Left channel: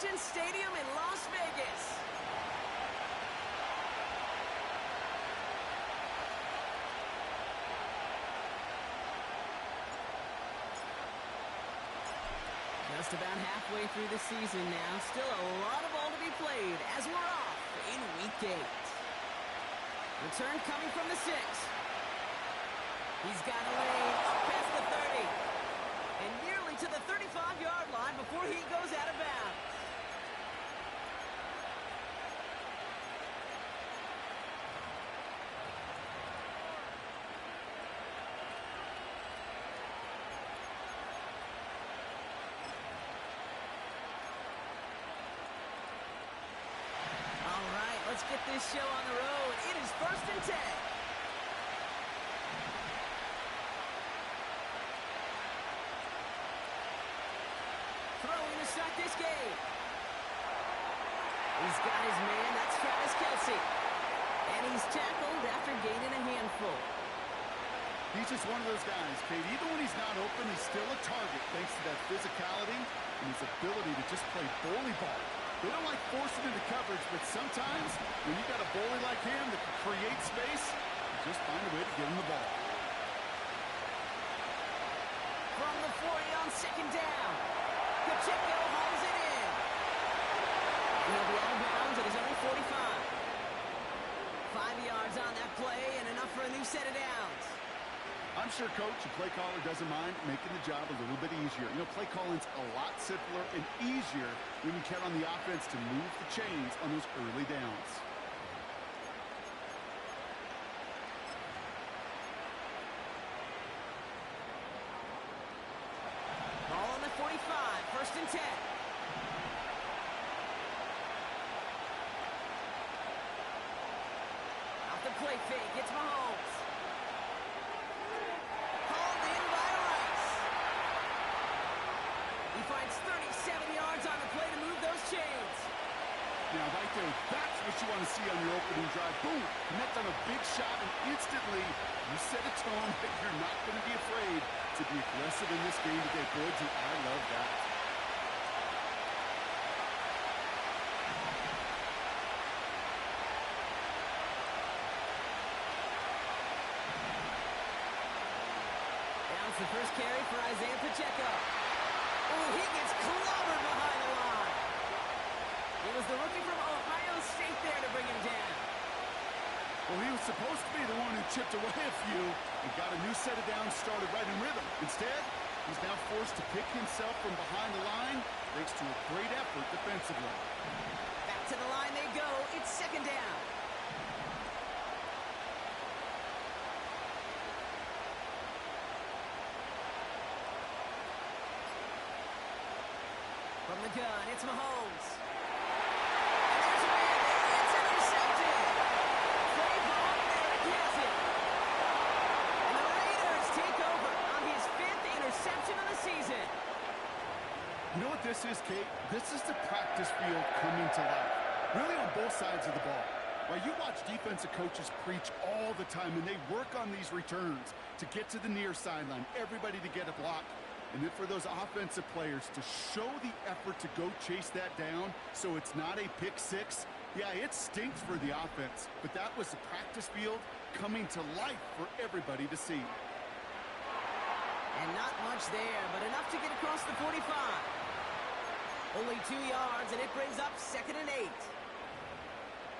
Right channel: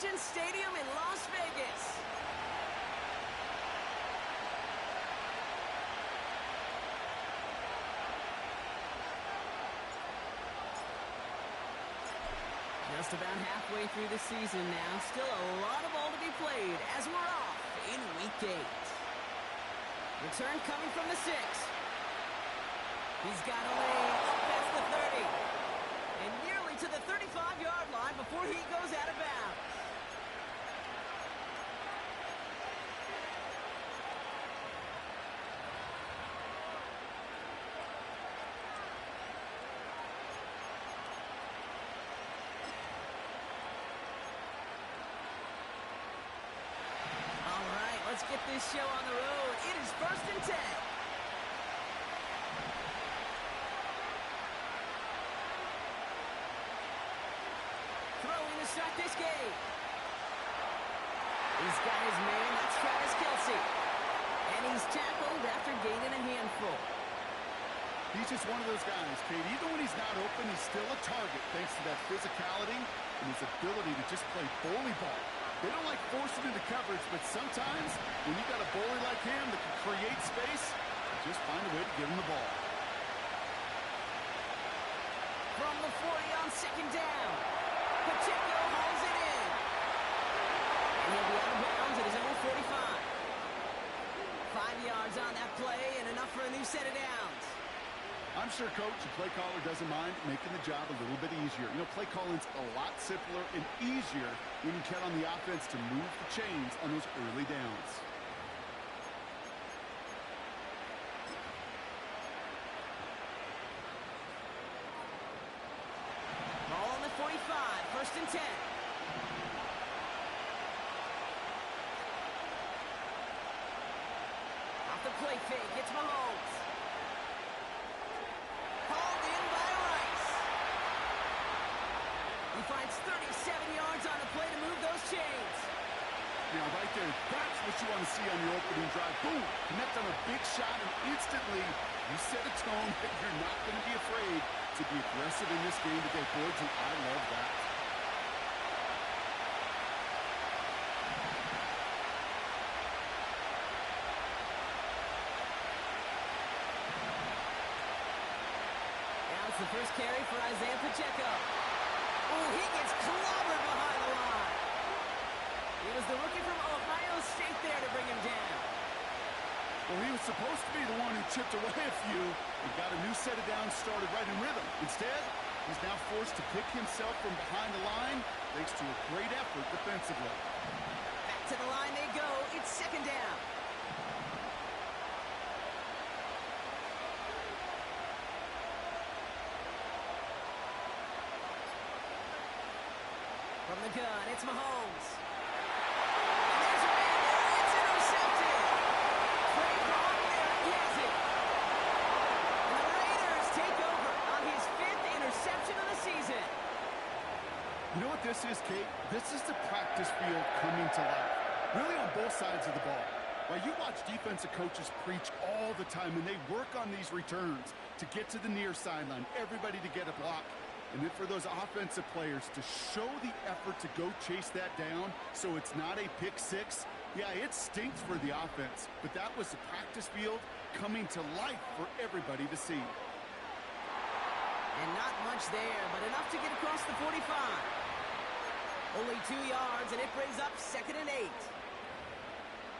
Allegiant Stadium in Las Vegas. Just about halfway through the season now. Still a lot of ball to be played as we're off in Week 8. Return coming from the 6. He's got a lane up past the 30. And nearly to the 35-yard line before he goes out of bounds. Let's get this show on the road. It is 1st and 10. Throwing to start this game. He's got his man. That's Travis Kelce. And he's tackled after gaining a handful. He's just one of those guys, Kate. Even when he's not open, he's still a target thanks to that physicality and his ability to just play bully ball. They don't like forcing into coverage, but sometimes when you got a bully like him that can create space, you just find a way to get him the ball. From the 40 on 2nd down, Pacheco hauls it in. And he'll be out of bounds at his own 45. 5 yards on that play and enough for a new set of downs. I'm sure coach and play caller doesn't mind making the job a little bit easier. You know, play calling's a lot simpler and easier when you count on the offense to move the chains on those early downs. Ball on the 45, 1st and 10. Off the play fake, it's Mahomes. Hauled in by Rice. He finds 37 yards on the play to move those chains. Now, right there, that's what you want to see on your opening drive. Boom! Connect on a big shot, and instantly you set a tone that you're not going to be afraid to be aggressive in this game today. Boys, and I love that. The first carry for Isaiah Pacheco. Oh, he gets clobbered behind the line. It was the rookie from Ohio State there to bring him down. Well, he was supposed to be the one who chipped away a few and got a new set of downs started right in rhythm. Instead, he's now forced to pick himself from behind the line thanks to a great effort defensively. Back to the line they go. It's 2nd down. From the gun, it's Mahomes. And there's a man there. It's intercepted. Trey Brown there. He has it. And the Raiders take over on his 5th interception of the season. You know what this is, Kate? This is the practice field coming to life. Really on both sides of the ball. While you watch defensive coaches preach all the time, and they work on these returns to get to the near sideline, everybody to get a block. And then for those offensive players to show the effort to go chase that down so it's not a pick six, yeah, it stinks for the offense. But that was the practice field coming to life for everybody to see. And not much there, but enough to get across the 45. Only 2 yards, and it brings up 2nd and 8.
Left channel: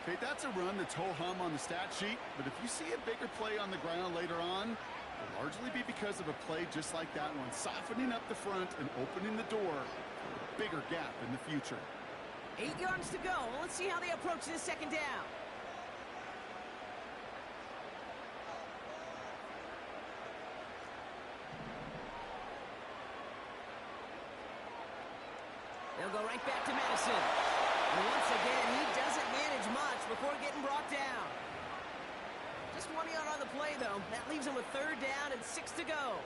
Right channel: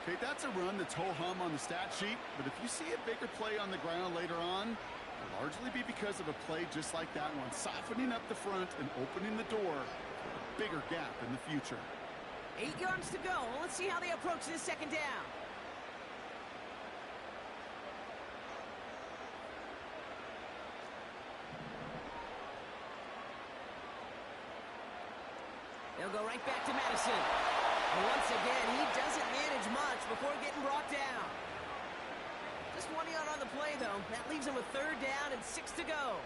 Okay, that's a run that's ho-hum on the stat sheet, but if you see a bigger play on the ground later on, it'll largely be because of a play just like that one, softening up the front and opening the door for a bigger gap in the future. 8 yards to go. Let's see how they approach this 2nd down. They'll go right back to Madison. And once again, he doesn't manage much before getting brought down. Just 1 yard on the play, though. That leaves him with 3rd down and 6 to go.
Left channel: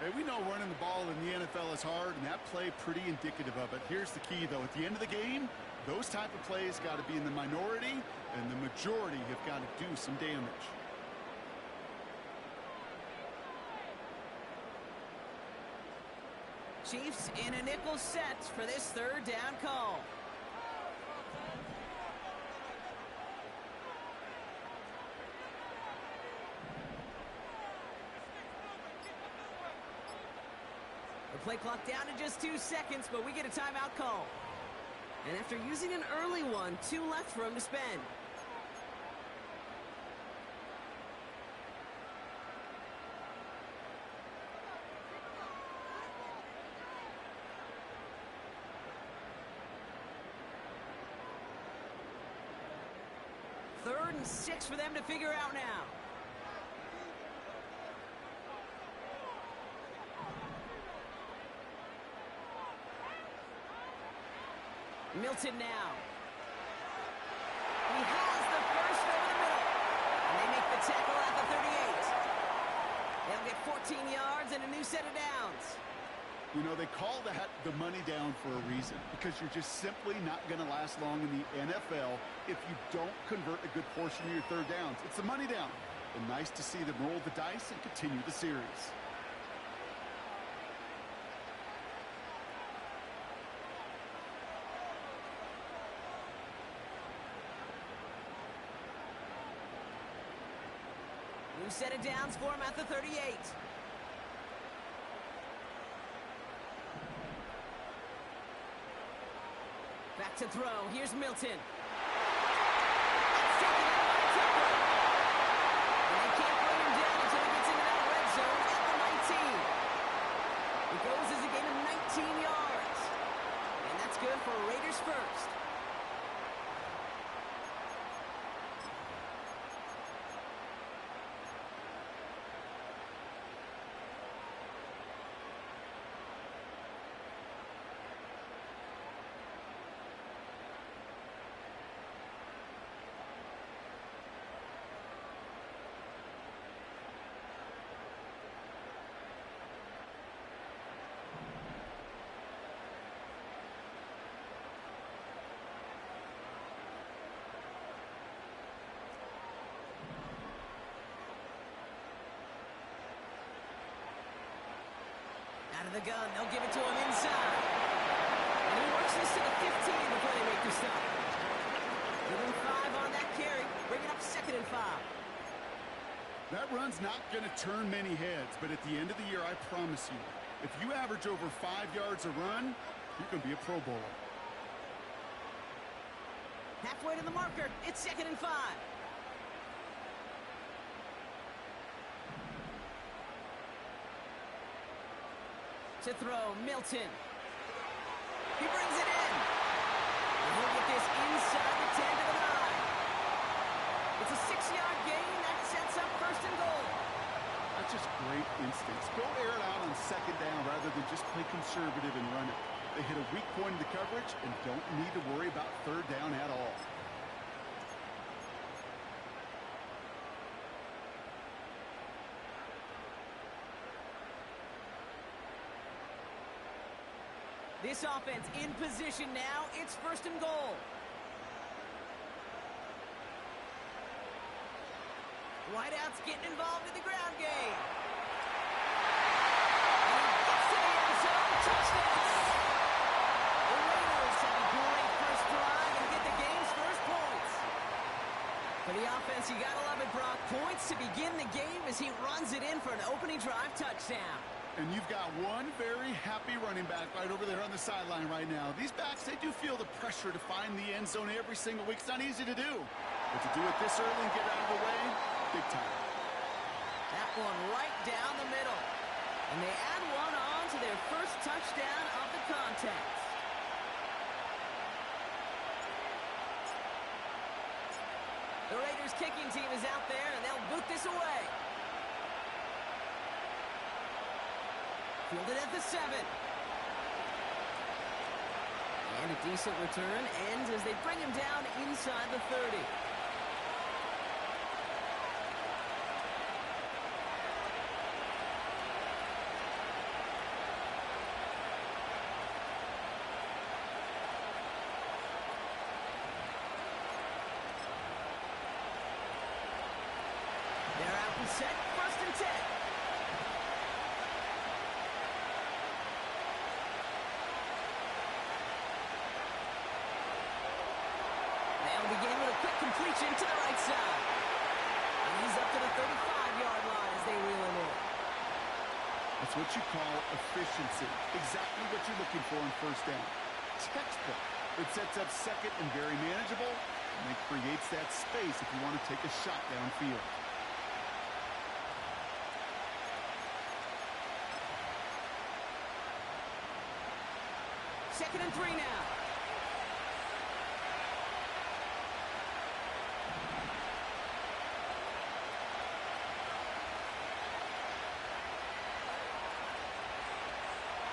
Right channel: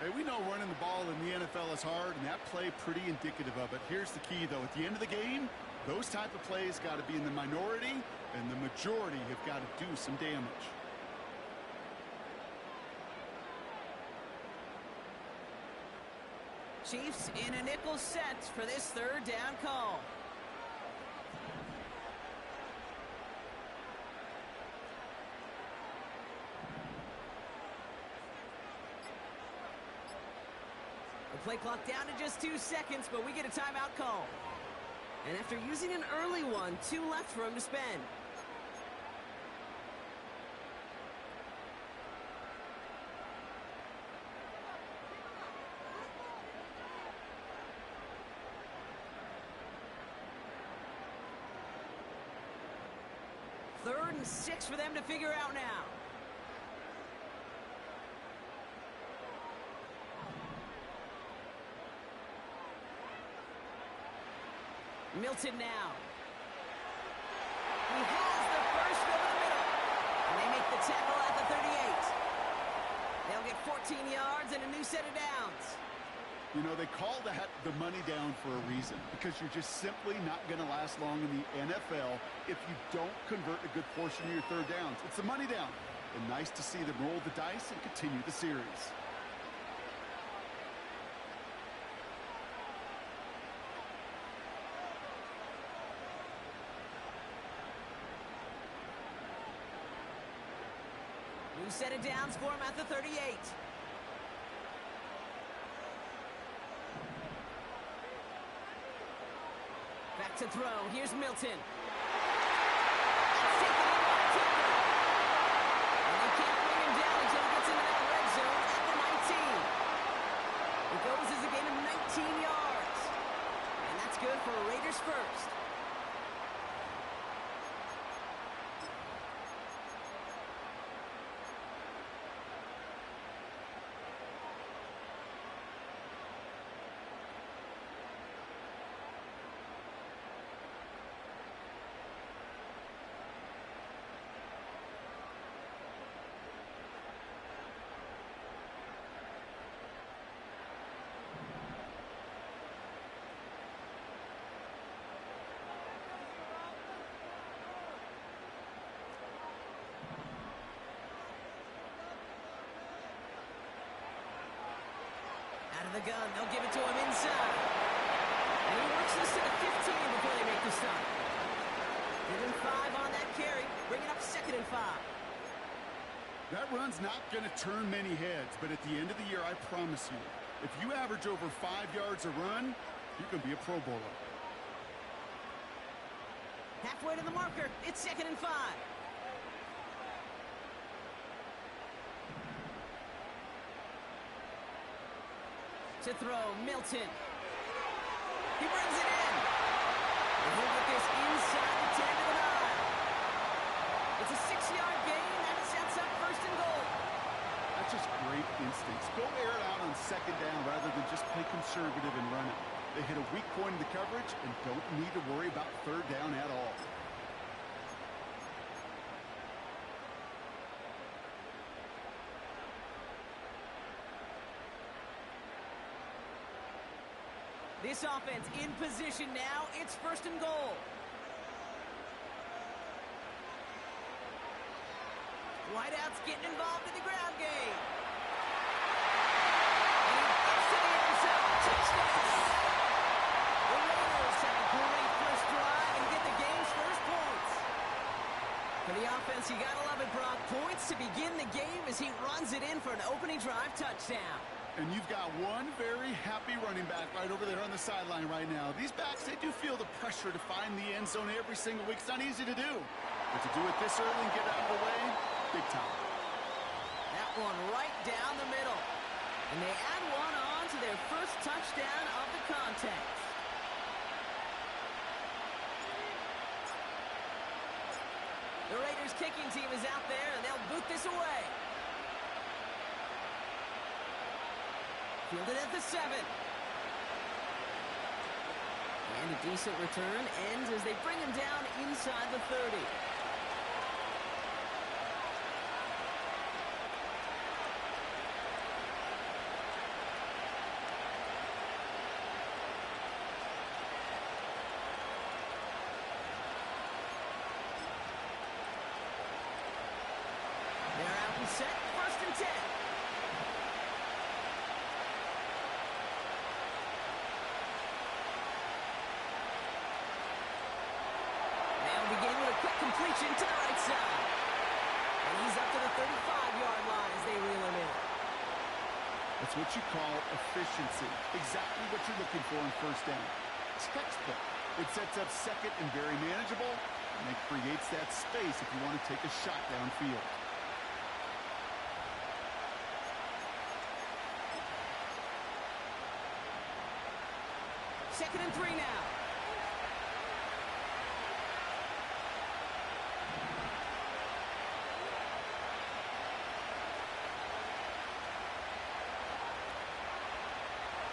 Hey, we know running the ball in the NFL is hard, and that play pretty indicative of it. Here's the key, though. At the end of the game, those type of plays got to be in the minority, and the majority have got to do some damage. Chiefs in a nickel set for this third down call. The play clock down to just 2 seconds, but we get a timeout call. And after using an early one, 2 left for him to spend. Third and 6 for them to figure out now. Milton now. He has the first over the middle. And they make the tackle at the 38. They'll get 14 yards and a new set of downs. You know, they call that the money down for a reason, because you're just simply not going to last long in the NFL if you don't convert a good portion of your third downs. It's the money down. And nice to see them roll the dice and continue the series. New set of downs for him at the 38. Back to throw. Here's Milton. That's taken in by Tucker. And they can't bring him down until he gets into that red zone at the 19. It goes as a gain of 19 yards. And that's good for Raiders first. Out of the gun, they'll give it to him inside. And he works this to the 15 before they make the stop. Give him 5 on that carry, bring it up 2nd and 5. That run's not going to turn many heads, but at the end of the year, I promise you, if you average over 5 yards a run, you can be a Pro Bowler. Halfway to the marker, it's 2nd and 5. To throw, Milton. He brings it in. And he'll get this inside the 10 to the 9. It's a 6-yard gain. That sets up 1st and goal. That's just great instincts. Go air it out on 2nd down rather than just play conservative and run it. They hit a weak point in the coverage and don't need to worry about 3rd down at all. This offense in position now. It's 1st and goal. Wideout's getting involved in the ground game. And he gets to the end zone. Touchdown! The Raiders have a great first drive and get the game's first points. For the offense, you gotta love it, Brock. Points to begin the game as he runs it in for an opening drive touchdown. And you've got one very happy running back right over there on the sideline right now. These backs, they do feel the pressure to find the end zone every single week. It's not easy to do. But to do it this early and get out of the way, big time. That one right down the middle. And they add one on to their first touchdown of the contest. The Raiders kicking team is out there, and they'll boot this away. Fielded at the 7. And a decent return ends as they bring him down inside the 30. They're out and set, 1st and 10. That'll begin with a quick completion to the right side. And he's up to the 35-yard line as they reel him in. That's what you call efficiency. Exactly what you're looking for in first down. Textbook. It sets up second and very manageable, and it creates that space if you want to take a shot downfield. Second and 3 now.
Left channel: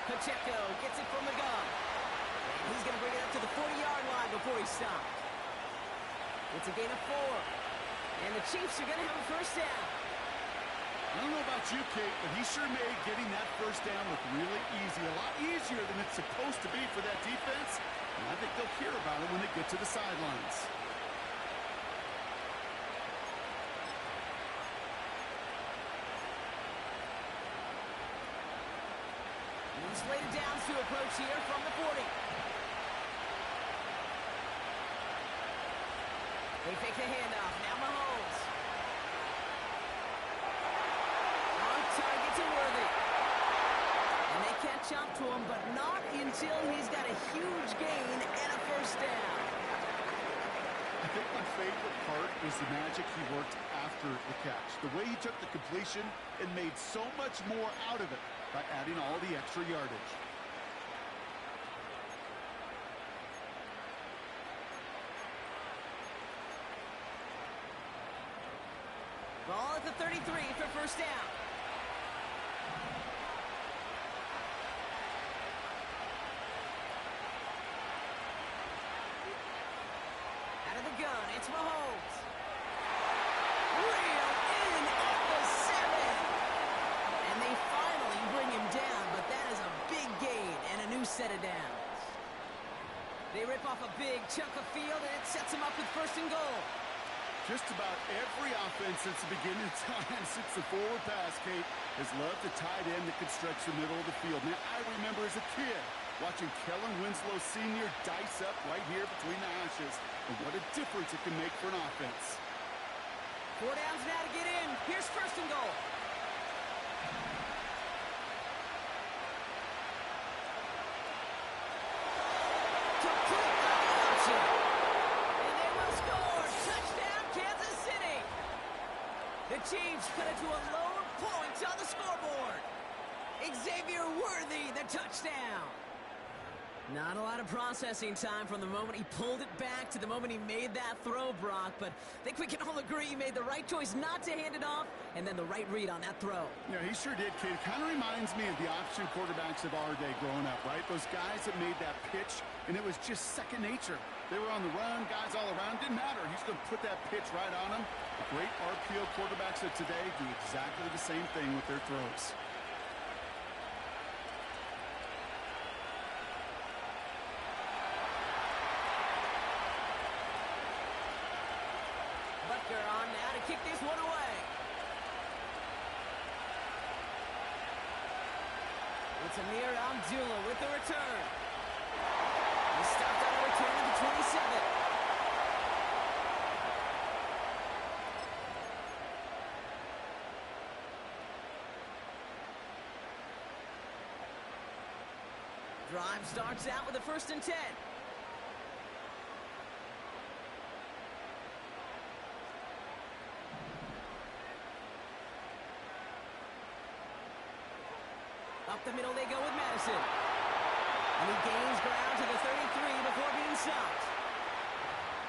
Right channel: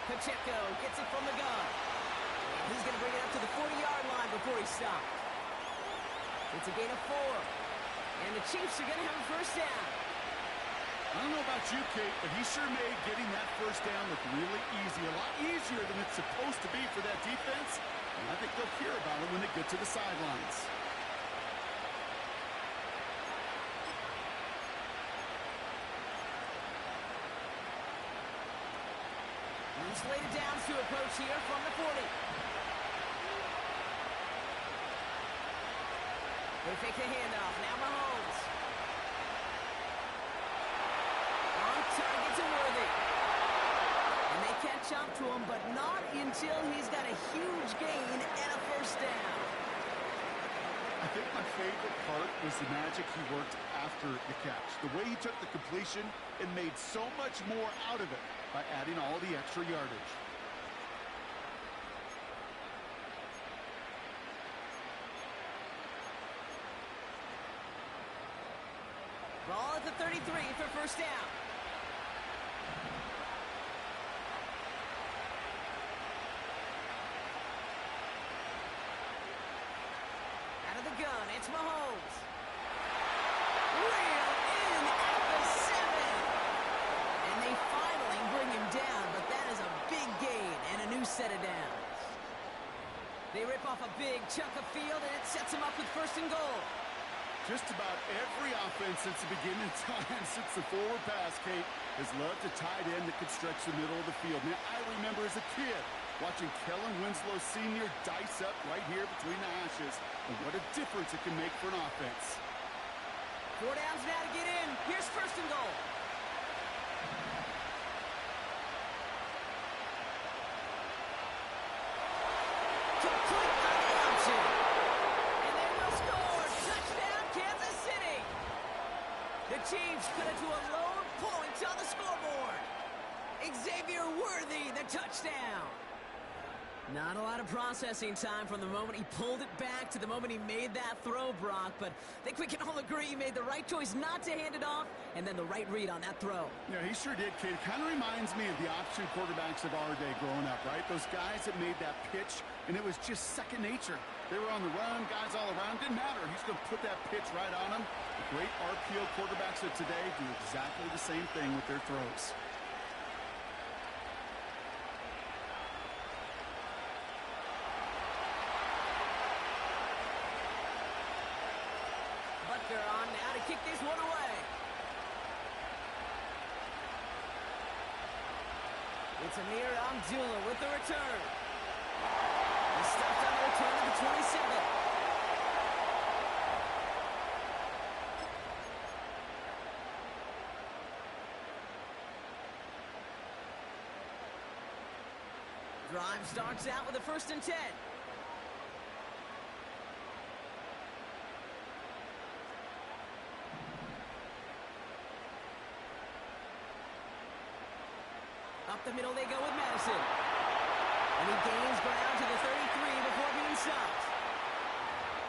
Pacheco gets it from the gun. And he's going to bring it up to the 40-yard line before he stopped. It's a gain of 4. And the Chiefs are going to have a first down. I don't know about you, Kate, but he sure made getting that first down look really easy. A lot easier than it's supposed to be for that defense. And I think they'll hear about it when they get to the sidelines. And slated downs to approach here from the 40. They fake the handoff. Now Mahomes. On target to Worthy. And they catch up to him, but not until he's got a huge gain and a first down. I think my favorite part was the magic he worked after the catch. The way he took the completion and made so much more out of it by adding all the extra yardage. Ball at the 33 for first down. Out of the gun, it's Mahomes. Reeled in at the 7. And they finally bring him down, but that is a big gain and a new set of downs. They rip off a big chunk of field, and it sets them up with first and goal. Just about every offense since the beginning of time, since the forward pass, Kate, has loved a tight end that could stretch the middle of the field. Now, I remember as a kid watching Kellen Winslow Sr. dice up right here between the hashes. And what a difference it can make for an offense. 4 downs now to get in. Here's first and goal. Complete on the option. And they will score. Touchdown, Kansas City. The Chiefs cut it to a lone point on the scoreboard. Xavier Worthy, the touchdown. Not a lot of processing time from the moment he pulled it back to the moment he made that throw, Brock. But I think we can all agree he made the right choice not to hand it off, and then the right read on that throw. Yeah, he sure did, kid. Kind of reminds me of the option quarterbacks of our day growing up, right? Those guys that made that pitch, and it was just second nature. They were on the run, guys all around. Didn't matter. He's going to put that pitch right on them. The great RPO quarterbacks of today do exactly the same thing with their throws. Butker on now to kick this one away. It's Amir Abdullah with the return. He stopped on the return at the 27. Drive starts out with a 1st and 10. Up the middle they go with Madison. And he gains ground to the 33 before being stopped.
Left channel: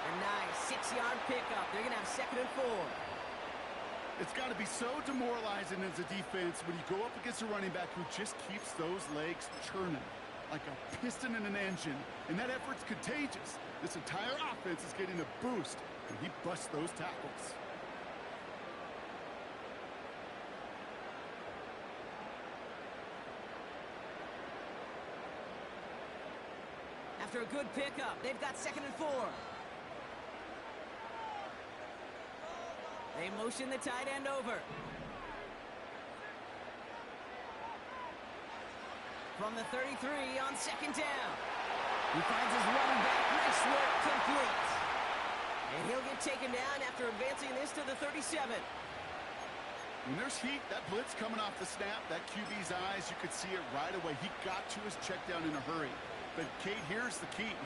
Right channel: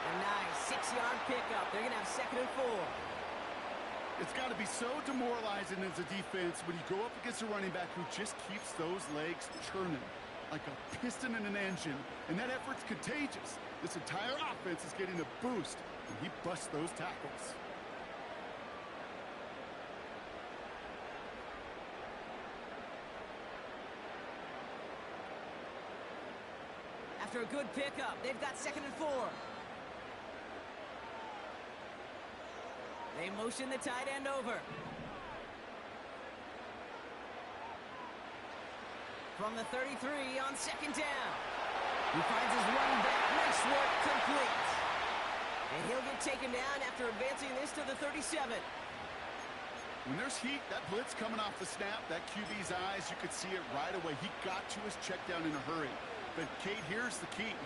A nice 6-yard pickup. They're going to have 2nd and 4. It's got to be so demoralizing as a defense when you go up against a running back who just keeps those legs churning like a piston in an engine. And that effort's contagious. This entire offense is getting a boost when he busts those tackles. After a good pickup, they've got 2nd and 4. They motion the tight end over. From the 33 on 2nd down. He finds his running back. Nice work, complete. And he'll get taken down after advancing this to the 37. When there's heat, that blitz coming off the snap, that QB's eyes, you could see it right away. He got to his check down in a hurry. But, Kate, here's the key.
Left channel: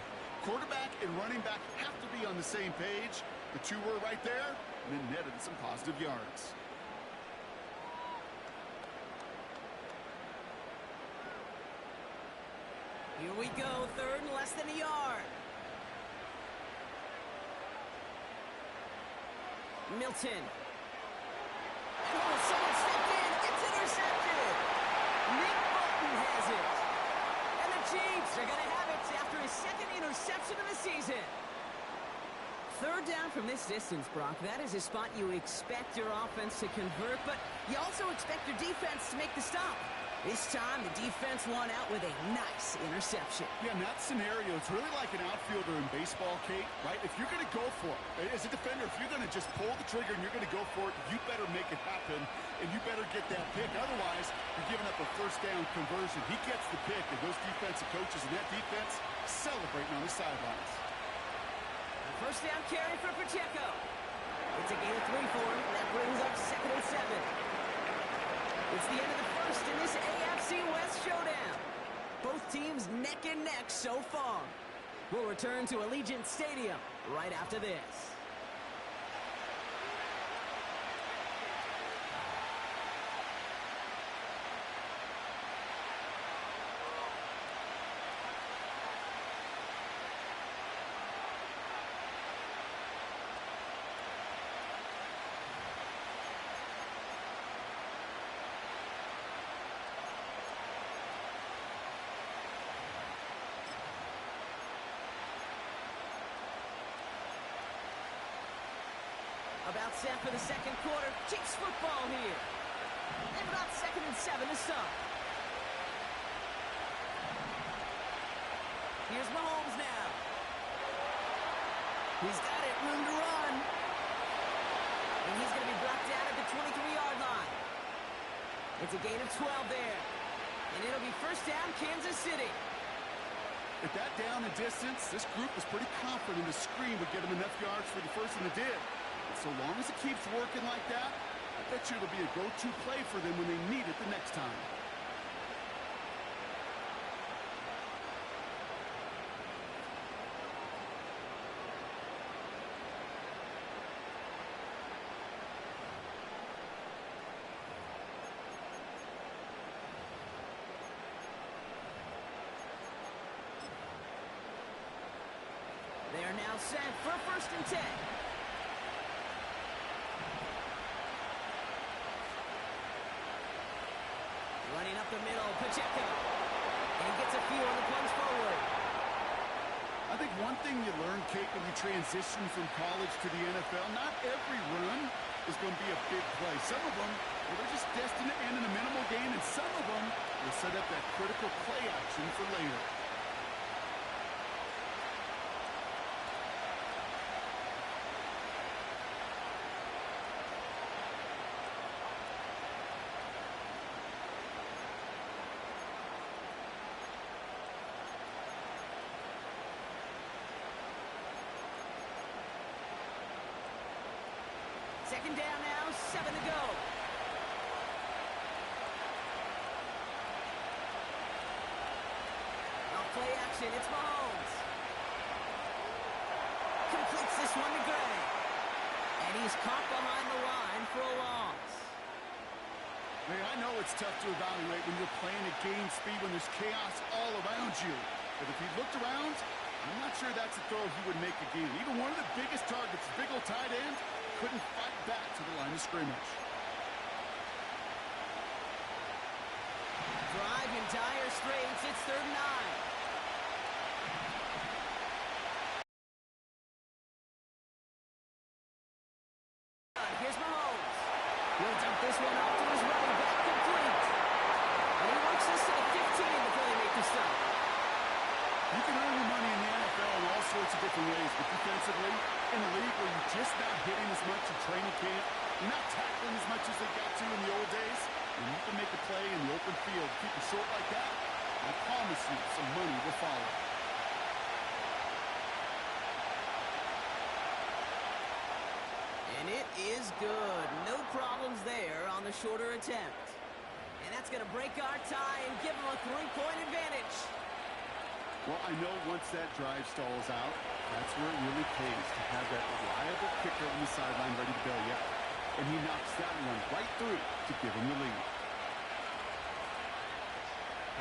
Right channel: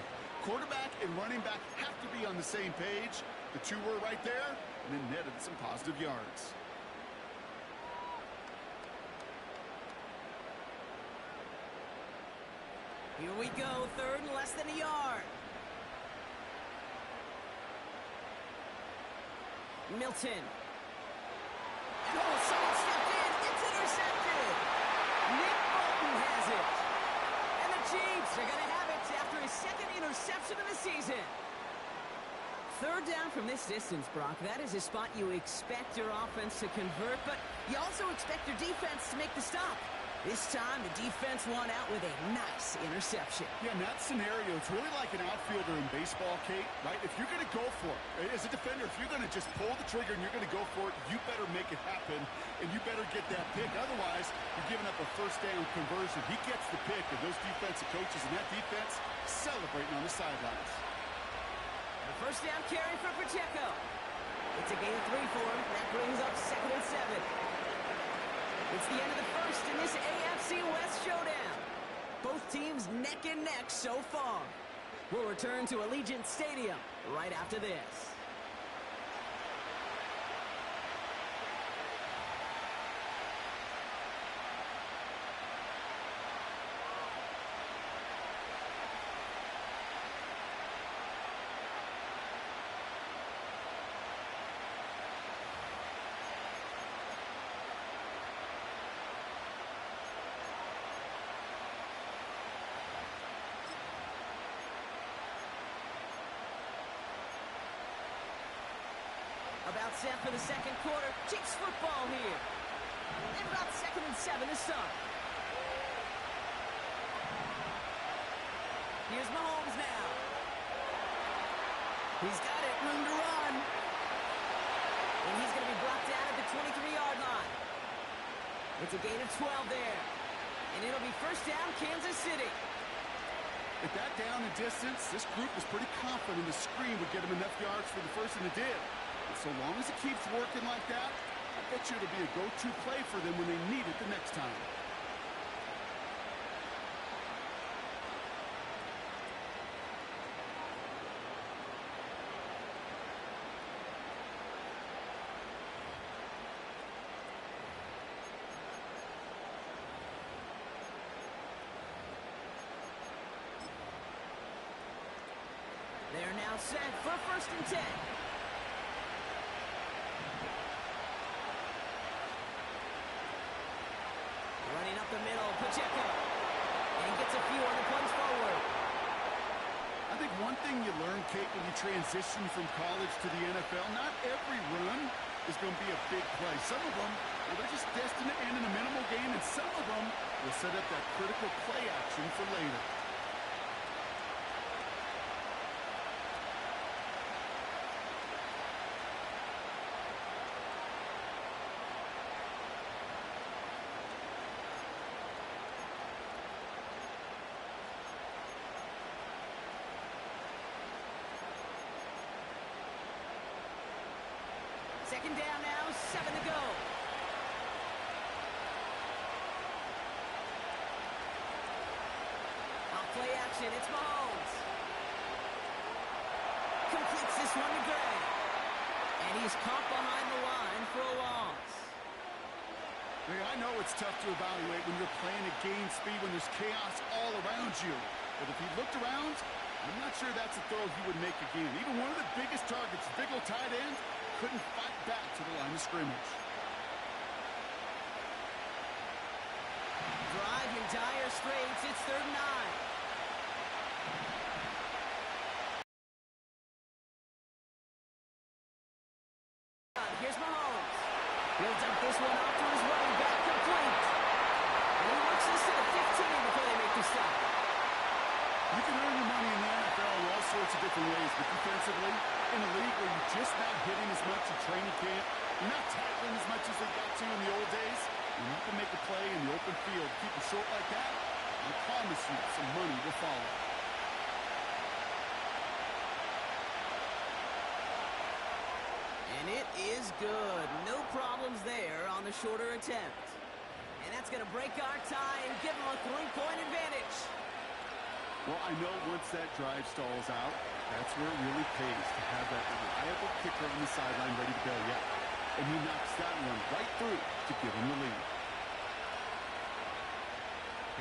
Quarterback and running back have to be on the same page. The two were right there, and then netted some positive yards. Here we go, third and less than a yard. Milton. And oh, someone stepped in. It's intercepted. Nick Bolton has it. And the Chiefs are going to have it after his second interception of the season. Third down from this distance, Brock. That is a spot you expect your offense to convert, but you also expect your defense to make the stop. This time, the defense won out with a nice interception. Yeah, in that scenario, it's really like an outfielder in baseball, Kate, right? If you're going to go for it, as a defender, if you're going to just pull the trigger and you're going to go for it, you better make it happen, and you better get that pick. Otherwise, you're giving up a first down conversion. He gets the pick, and those defensive coaches and that defense celebrating on the sidelines. A first down carry for Pacheco. It's a gain of 3 for him, and that brings up 2nd and 7. It's the end of the first in this AFC West showdown. Both teams neck and neck so far. We'll return to Allegiant Stadium right after this. About set for the second quarter. Chiefs football here. And about 2nd and 7 to start. Here's Mahomes now. He's got it. Room to run. And he's going to be brought down at the 23-yard line. It's a gain of 12 there. And it'll be first down, Kansas City. At that down and distance, this group was pretty confident the screen would get them enough yards for the first, and it did. And so long as it keeps working like that, I bet you it'll be a go-to play for them when they need it the next time. They are now set for 1st and 10. Running up the middle, Pacheco. And gets a few on the plunge forward. I think one thing you learn, Kate, when you transition from college to the NFL, not every run is going to be a big play. Some of them, well, they're just destined to end in a minimal gain, and some of them will set up that critical play action for later. Second down now, 7 to go. Off play action, it's Mahomes. Completes this one to Gray. And he's caught behind the line for a loss. Hey, I know it's tough to evaluate when you're playing at game speed when there's chaos all around you. But if he looked around, I'm not sure that's a throw he would make again. Even one of the biggest targets, big old tight end, couldn't fight back to the line of scrimmage. Drive in dire straits. It's 3rd and 9. Here's Mahomes. He'll dump this one off to his running back, complete. And he works this to the 15 before they make the stop. You can earn your money in the NFL in all sorts of different ways, but defensively, in a league where you're just not hitting as much in training camp, you're not tackling as much as they got to in the old days, and you can make a play in the open field. Keep it short like that, I promise you some money will follow. And it is good. No problems there on the shorter attempt. And that's going to break our tie and give them a 3-point advantage. Well, I know once that drive stalls out, that's where it really pays to have that reliable kicker on the sideline ready to bail you out. And he knocks that one right through to give him the lead.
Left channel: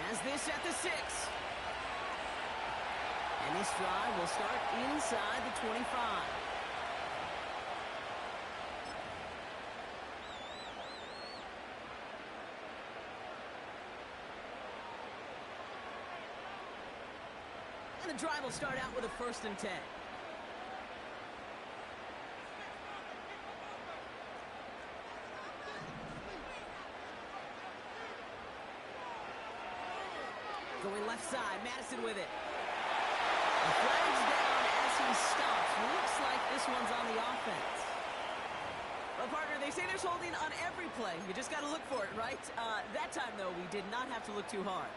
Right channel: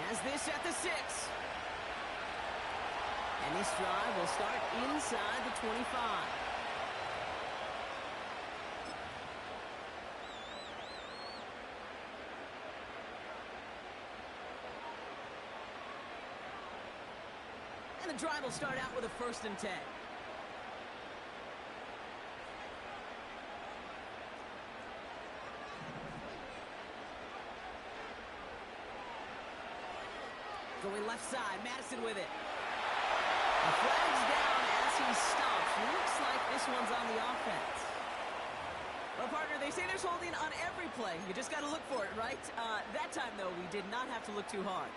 Has this at the 6. And this drive will start inside the 25. And the drive will start out with a 1st and 10. Going left side, Madison with it. The flag's down as he stops. Looks like this one's on the offense. Well, partner, they say there's holding on every play. You just got to look for it, right? That time, though, we did not have to look too hard.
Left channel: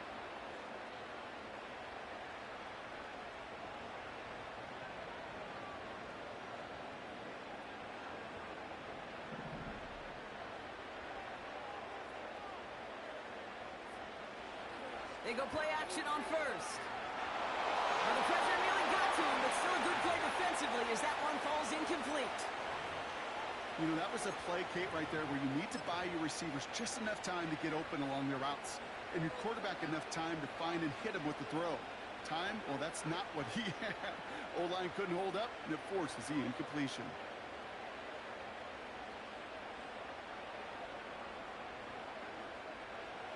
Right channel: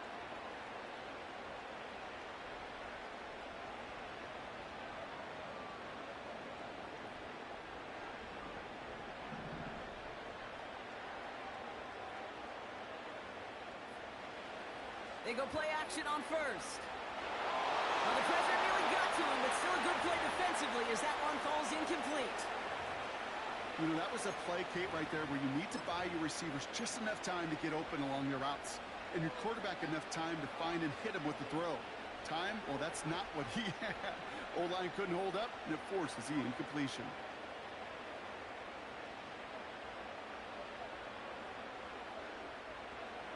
They go play action on 1st. Well, the pressure nearly got to him, but still a good play defensively as that one falls incomplete. You know, that was a play, Kate, right there where you need to buy your receivers just enough time to get open along their routes. And your quarterback enough time to find and hit him with the throw. Time? Well, that's not what he had. O-line couldn't hold up, and it forces the incompletion.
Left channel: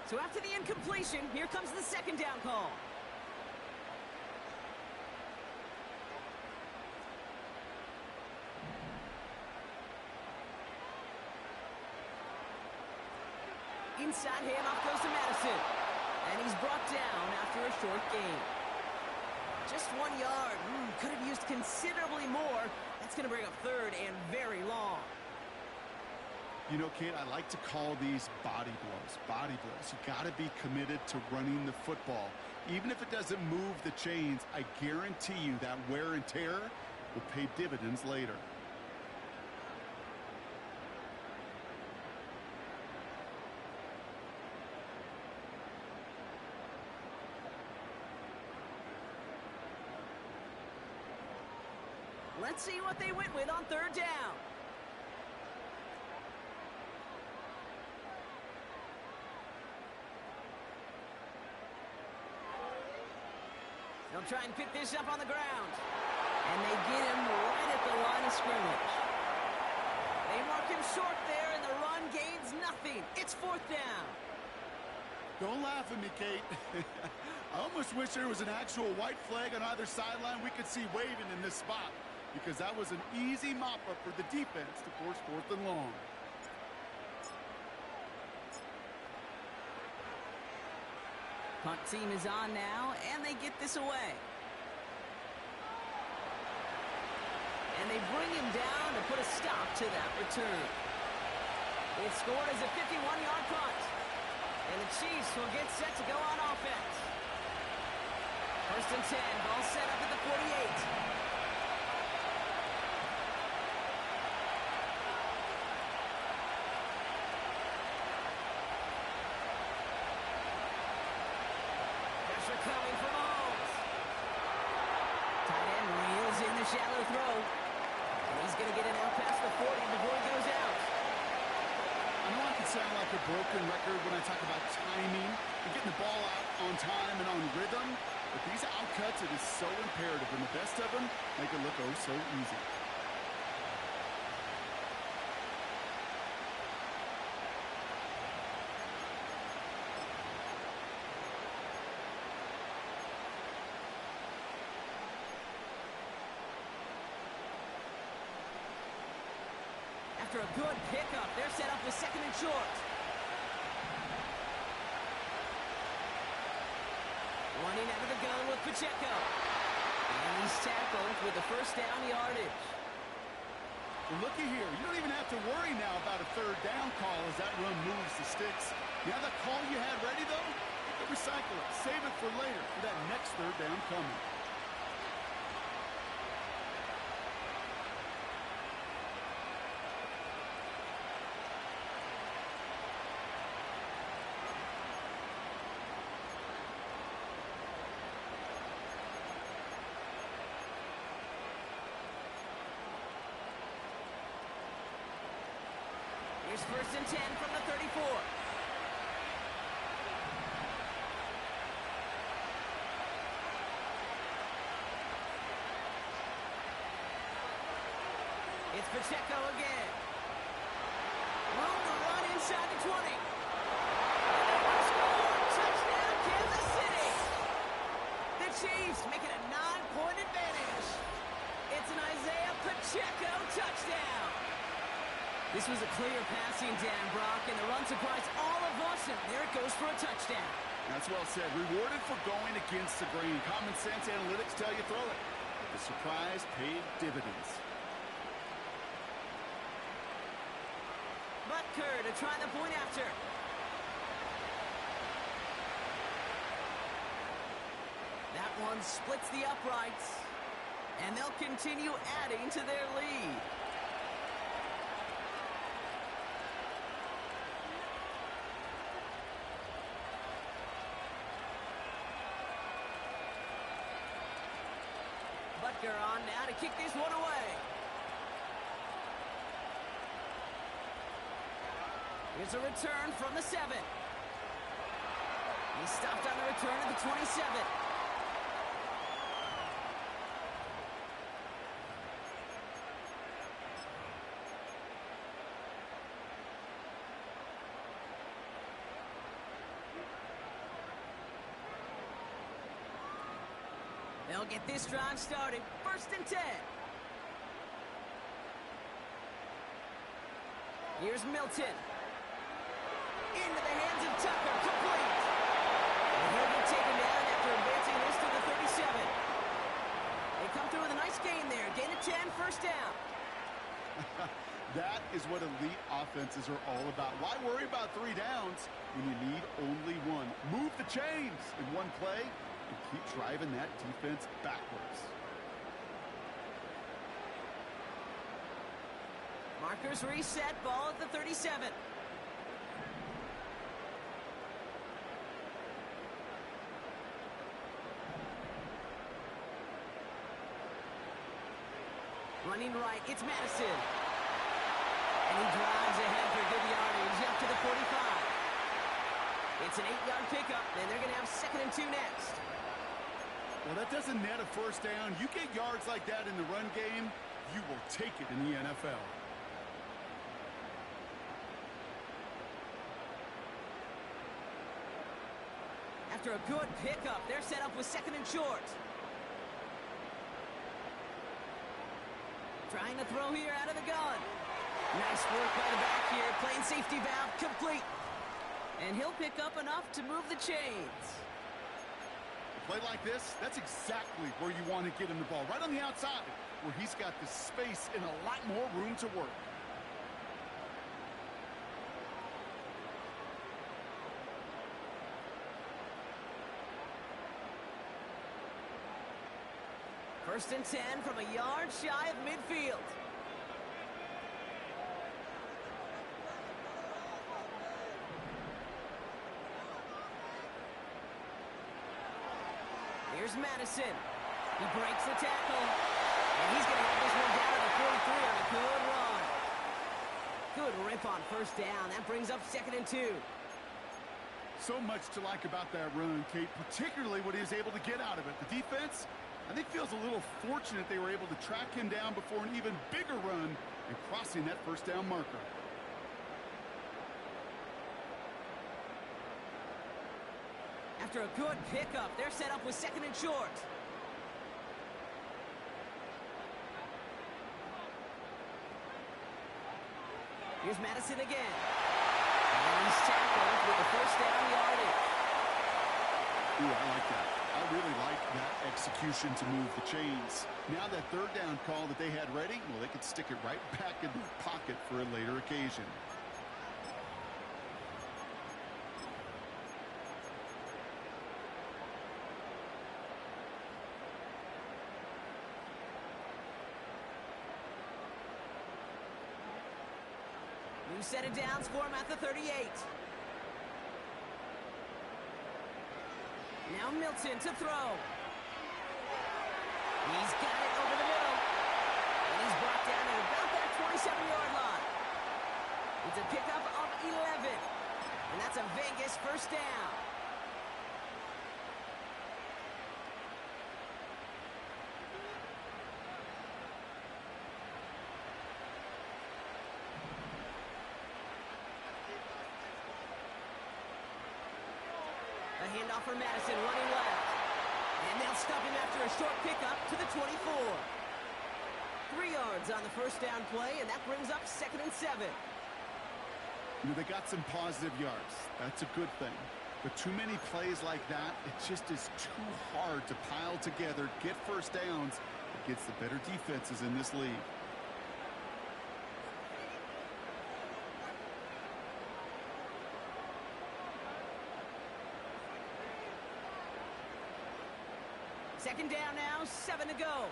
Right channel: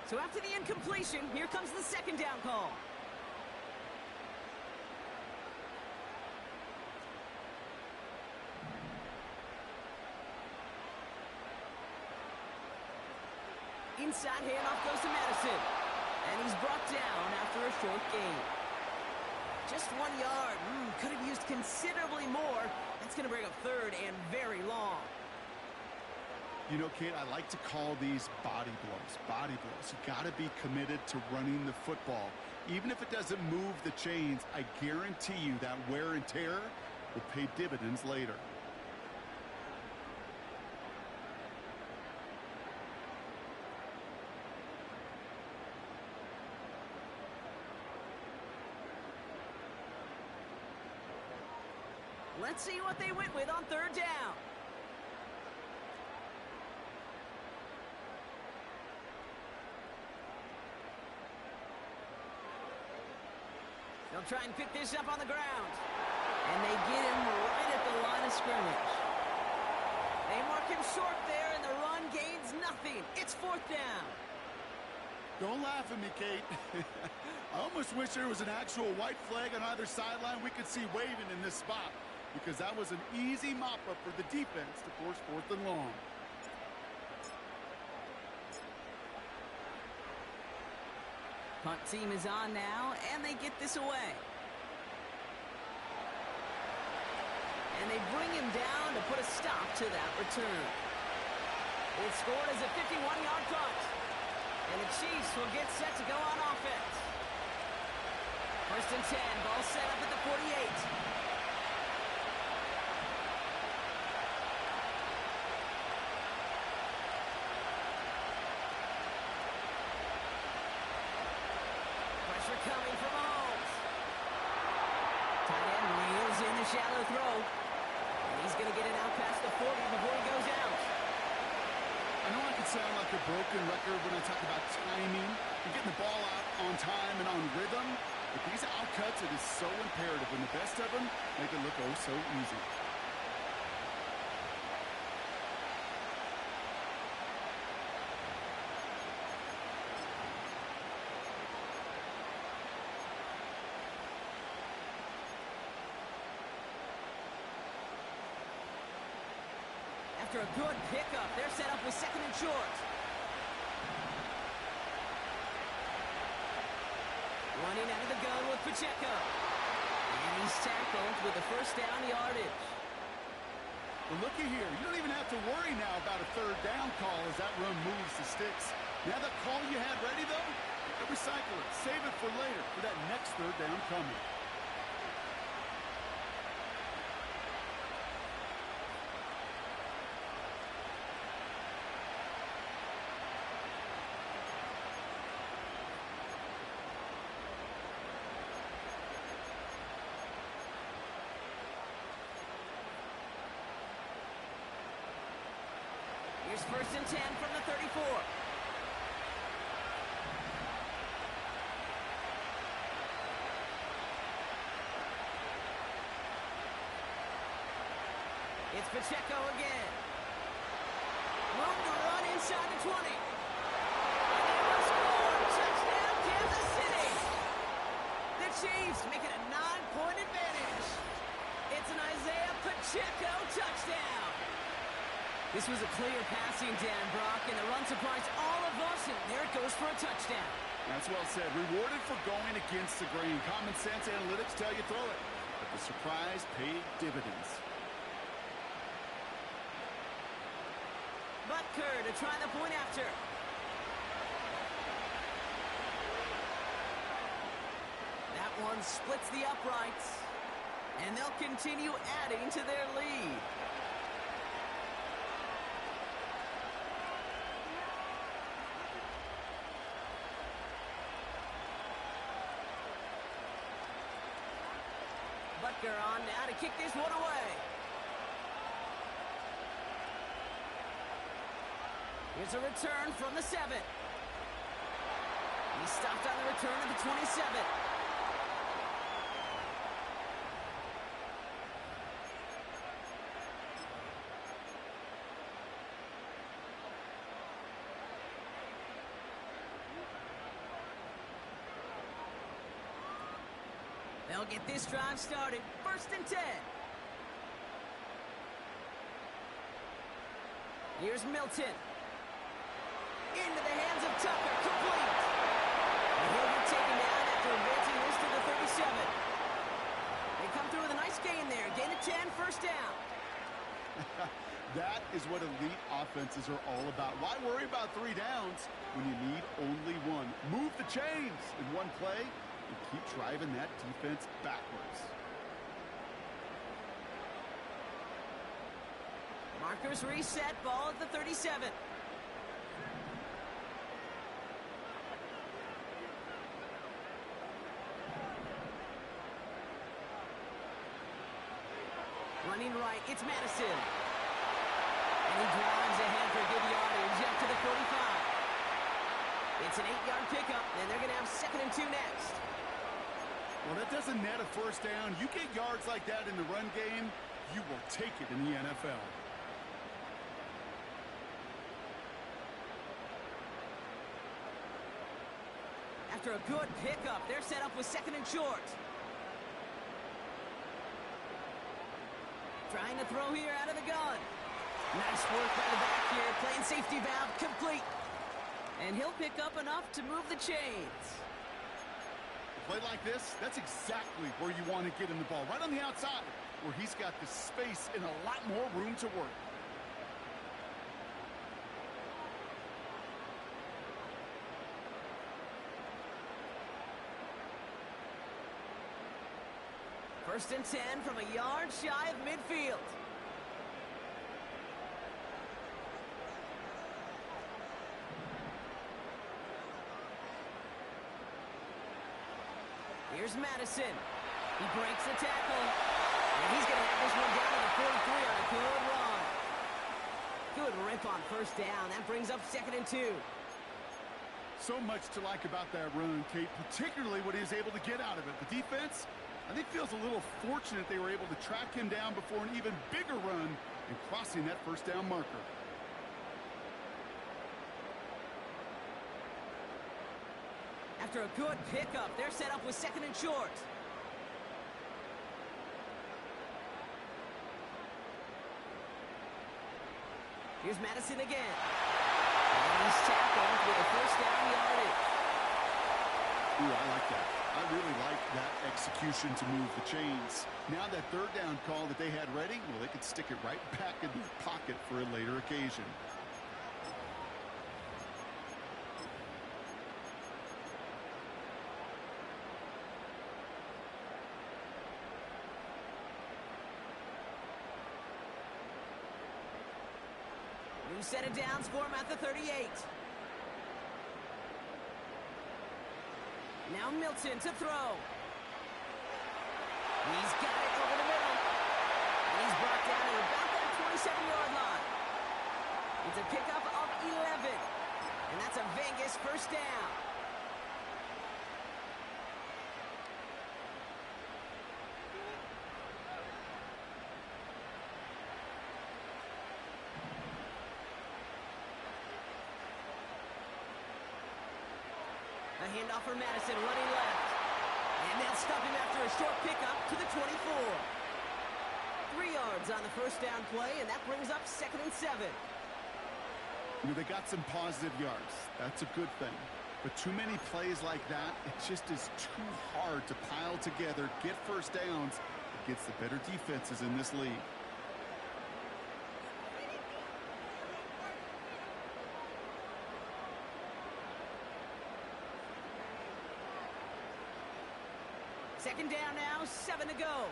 So after the incompletion, here comes the 2nd down call. Inside handoff goes to Madison. And he's brought down after a short gain. Just 1 yard. Could have used considerably more. That's going to bring up 3rd and very long. You know, Kate, I like to call these body blows. Body blows. You got to be committed to running the football. Even if it doesn't move the chains, I guarantee you that wear and tear will pay dividends later. Let's see what they went with on 3rd down. They'll try and pick this up on the ground. And they get him right at the line of scrimmage. They mark him short there, and the run gains nothing. It's 4th down. Don't laugh at me, Kate. I almost wish there was an actual white flag on either sideline we could see waving in this spot, because that was an easy mop-up for the defense to force 4th and long. Punt team is on now, and they get this away. And they bring him down to put a stop to that return. It's scored as a 51-yard punt. And the Chiefs will get set to go on offense. 1st and 10, ball set up at the 48. Pressure coming from Mahomes. Tight end reels in the shallow throw. And he's going to get it out past the 40 before he goes out. I know I can sound like a broken record when I talk about timing and getting the ball out on time and on rhythm, but these outcuts, it is so imperative, and the best of them make it look oh so easy. After a good pickup, they're set up with 2nd and short. Running out of the gun with Pacheco. And he's tackled with the 1st down yardage. Well, looky here. You don't even have to worry now about a 3rd down call as that run moves the sticks. Now that call you had ready, though, you can recycle it. Save it for later for that next 3rd down coming. Here's 1st and 10 from the 34. It's Pacheco again. Room to run inside the 20. And they will score. Touchdown, Kansas City. The Chiefs make it a 9-point advantage. It's an Isaiah Pacheco touchdown. This was a clear passing down, Brock, and the run surprised all of us, and there it goes for a touchdown. That's well said. Rewarded for going against the grain. Common sense analytics tell you throw it. But the surprise paid dividends. Butker to try the point after. That one splits the uprights. And they'll continue adding to their lead. Butker on now to kick this one away. Here's a return from the 7. He stopped on the return at the 27. They'll get this drive started. 1st and 10. Here's Milton. Into the hands of Tucker. Complete. And he'll get taken down after advancing this to the 37. They come through with a nice gain there. Gain of 10, 1st down. That is what elite offenses are all about. Why worry about 3 downs when you need only 1? Move the chains in one play and keep driving that defense backwards. Markers reset. Ball at the 37. Running right, it's Madison. And he drives ahead for good yardage up to the 45. It's an 8-yard pickup, and they're going to have 2nd and 2 next. Well, that doesn't net a 1st down. You get yards like that in the run game, you will take it in the NFL. After a good pickup, they're set up with 2nd and short. Trying to throw here out of the gun. Nice work by the back here. Playing safety valve complete. And he'll pick up enough to move the chains. A play like this, that's exactly where you want to get him the ball. Right on the outside, where he's got the space and a lot more room to work. First and 10 from a yard shy of midfield. Here's Madison. He breaks the tackle. And he's going to have this one down to the 43 on a good run. Good rip on 1st down. That brings up 2nd and 2. So much to like about that run, Kate, particularly what he was able to get out of it. The defense, I think, feels a little fortunate they were able to track him down before an even bigger run and crossing that 1st down marker. After a good pickup, they're set up with 2nd and short. Here's Madison again. And he's tackled with a 1st down yardage. Ooh, I like that. I really like that execution to move the chains. Now that 3rd down call that they had ready, well, they could stick it right back in their pocket for a later occasion. New set of downs for him at the 38. Now Milton to throw. He's got it over the middle. And he's brought down at about that 27-yard line. He It's a pickup of 11. And that's a Vegas first down. A handoff for Madison, running left. And they'll stop him after a short pickup to the 24. 3 yards on the first down play, and that brings up 2nd and 7. You know, they got some positive yards. That's a good thing. But too many plays like that, it just is too hard to pile together, get first downs against the better defenses in this league. Second down now, 7 to go.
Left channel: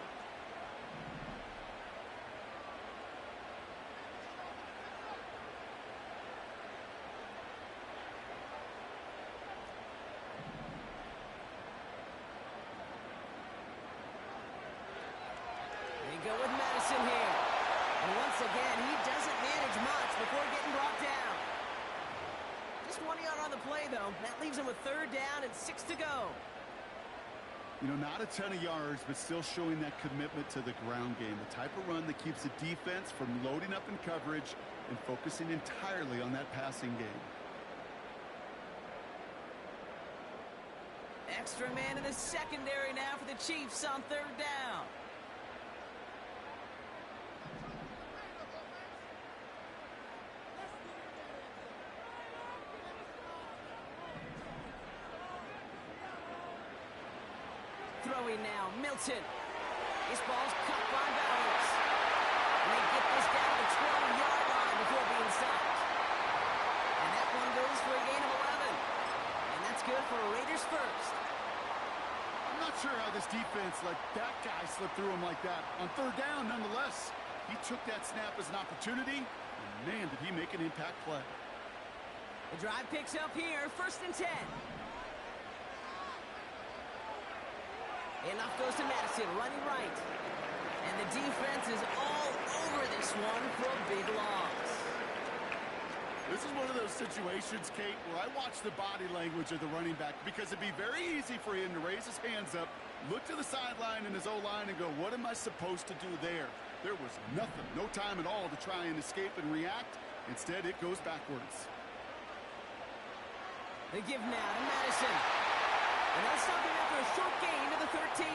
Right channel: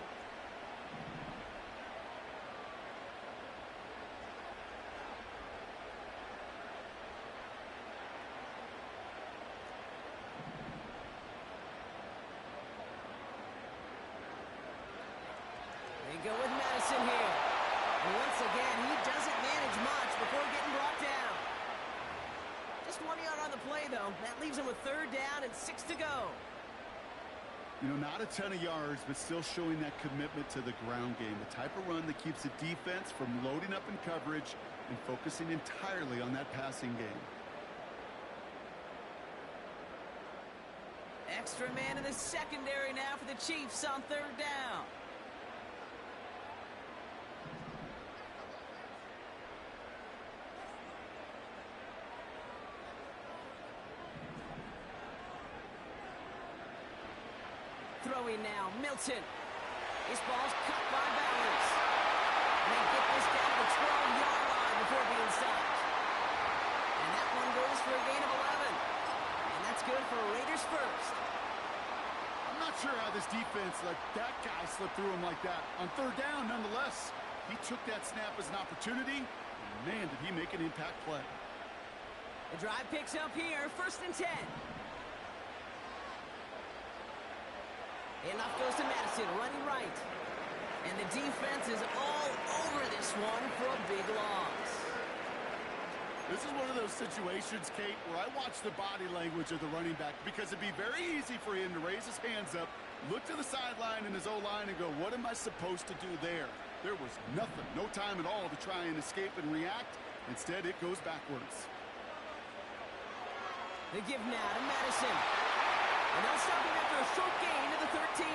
They go with Madison here. And once again, he doesn't manage much before getting brought down. Just 1 yard on the play, though. That leaves him with 3rd down and 6 to go. You know, not a ton of yards, but still showing that commitment to the ground game. The type of run that keeps the defense from loading up in coverage and focusing entirely on that passing game. Extra man in the secondary now for the Chiefs on 3rd down. Throwing now, Milton. This ball's cut by Bowers. And they get this down to the 12-yard line before being stopped. And that one goes for a gain of 11. And that's good for Raiders first. I'm not sure how this defense let that guy slip through him like that. On 3rd down, nonetheless, he took that snap as an opportunity, and man, did he make an impact play. The drive picks up here, 1st and 10. Enough goes to Madison, running right. And the defense is all over this one for a big loss. This is one of those situations, Kate, where I watch the body language of the running back because it'd be very easy for him to raise his hands up, look to the sideline in his O-line and go, what am I supposed to do there? There was nothing, no time at all to try and escape and react. Instead, it goes backwards. They give now to Madison. And they'll stop him after a short gain to the 13.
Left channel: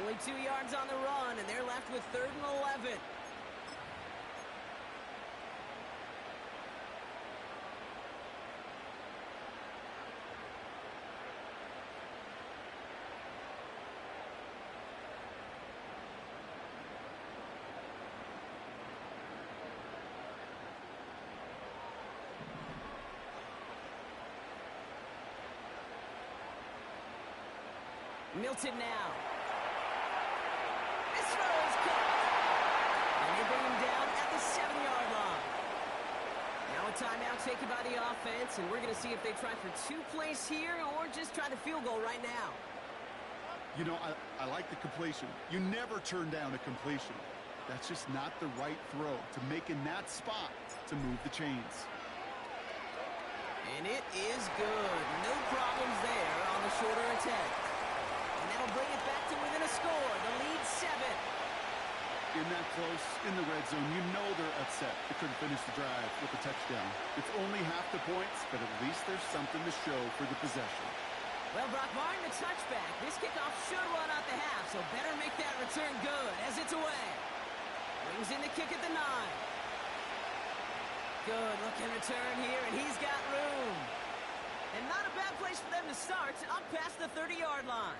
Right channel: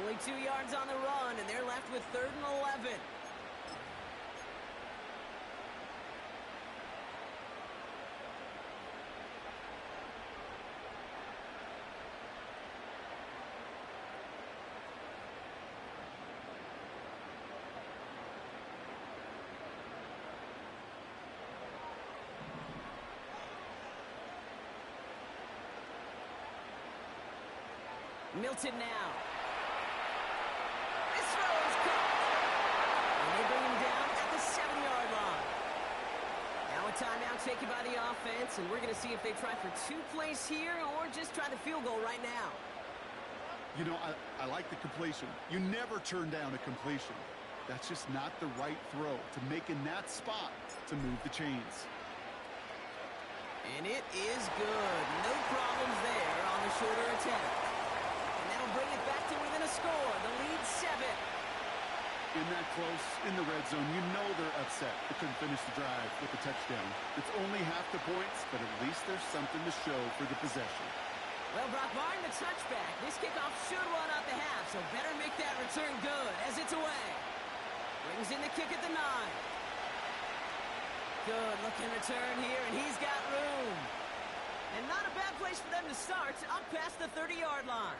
Only 2 yards on the run, and they're left with 3rd and 11. Milton now. This throw is caught. And they bring him down at the 7-yard line. Now a timeout taken by the offense, and we're going to see if they try for 2 plays here or just try the field goal right now. You know, I like the completion. You never turn down a completion. That's just not the right throw to make in that spot to move the chains. And it is good. No problems there on the shorter attempt. And that'll bring it back to within a score. The lead 7. In that close, in the red zone, you know they're upset. They couldn't finish the drive with the touchdown. It's only half the points, but at least there's something to show for the possession. Well, Brock, barring the touchback, this kickoff should run out the half, so better make that return good as it's away. Brings in the kick at the 9. Good looking return here, and he's got room. And not a bad place for them to start, up past the 30-yard line.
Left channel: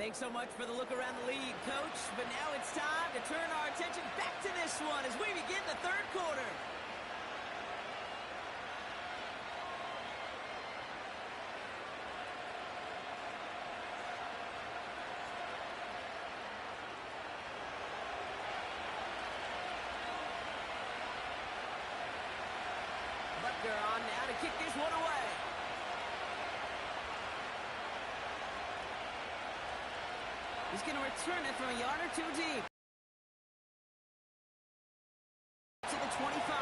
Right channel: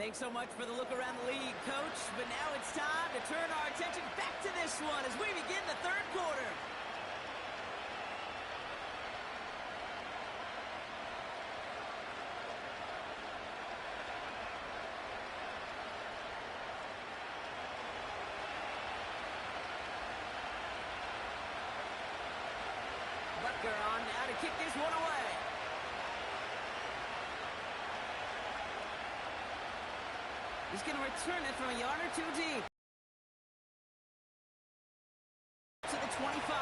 Thanks so much for the look around the league, Coach. But now it's time to turn our attention back to this one as we begin the third quarter. Butker on now to kick this one away. He's going to return it from a yard or two deep. To the 25.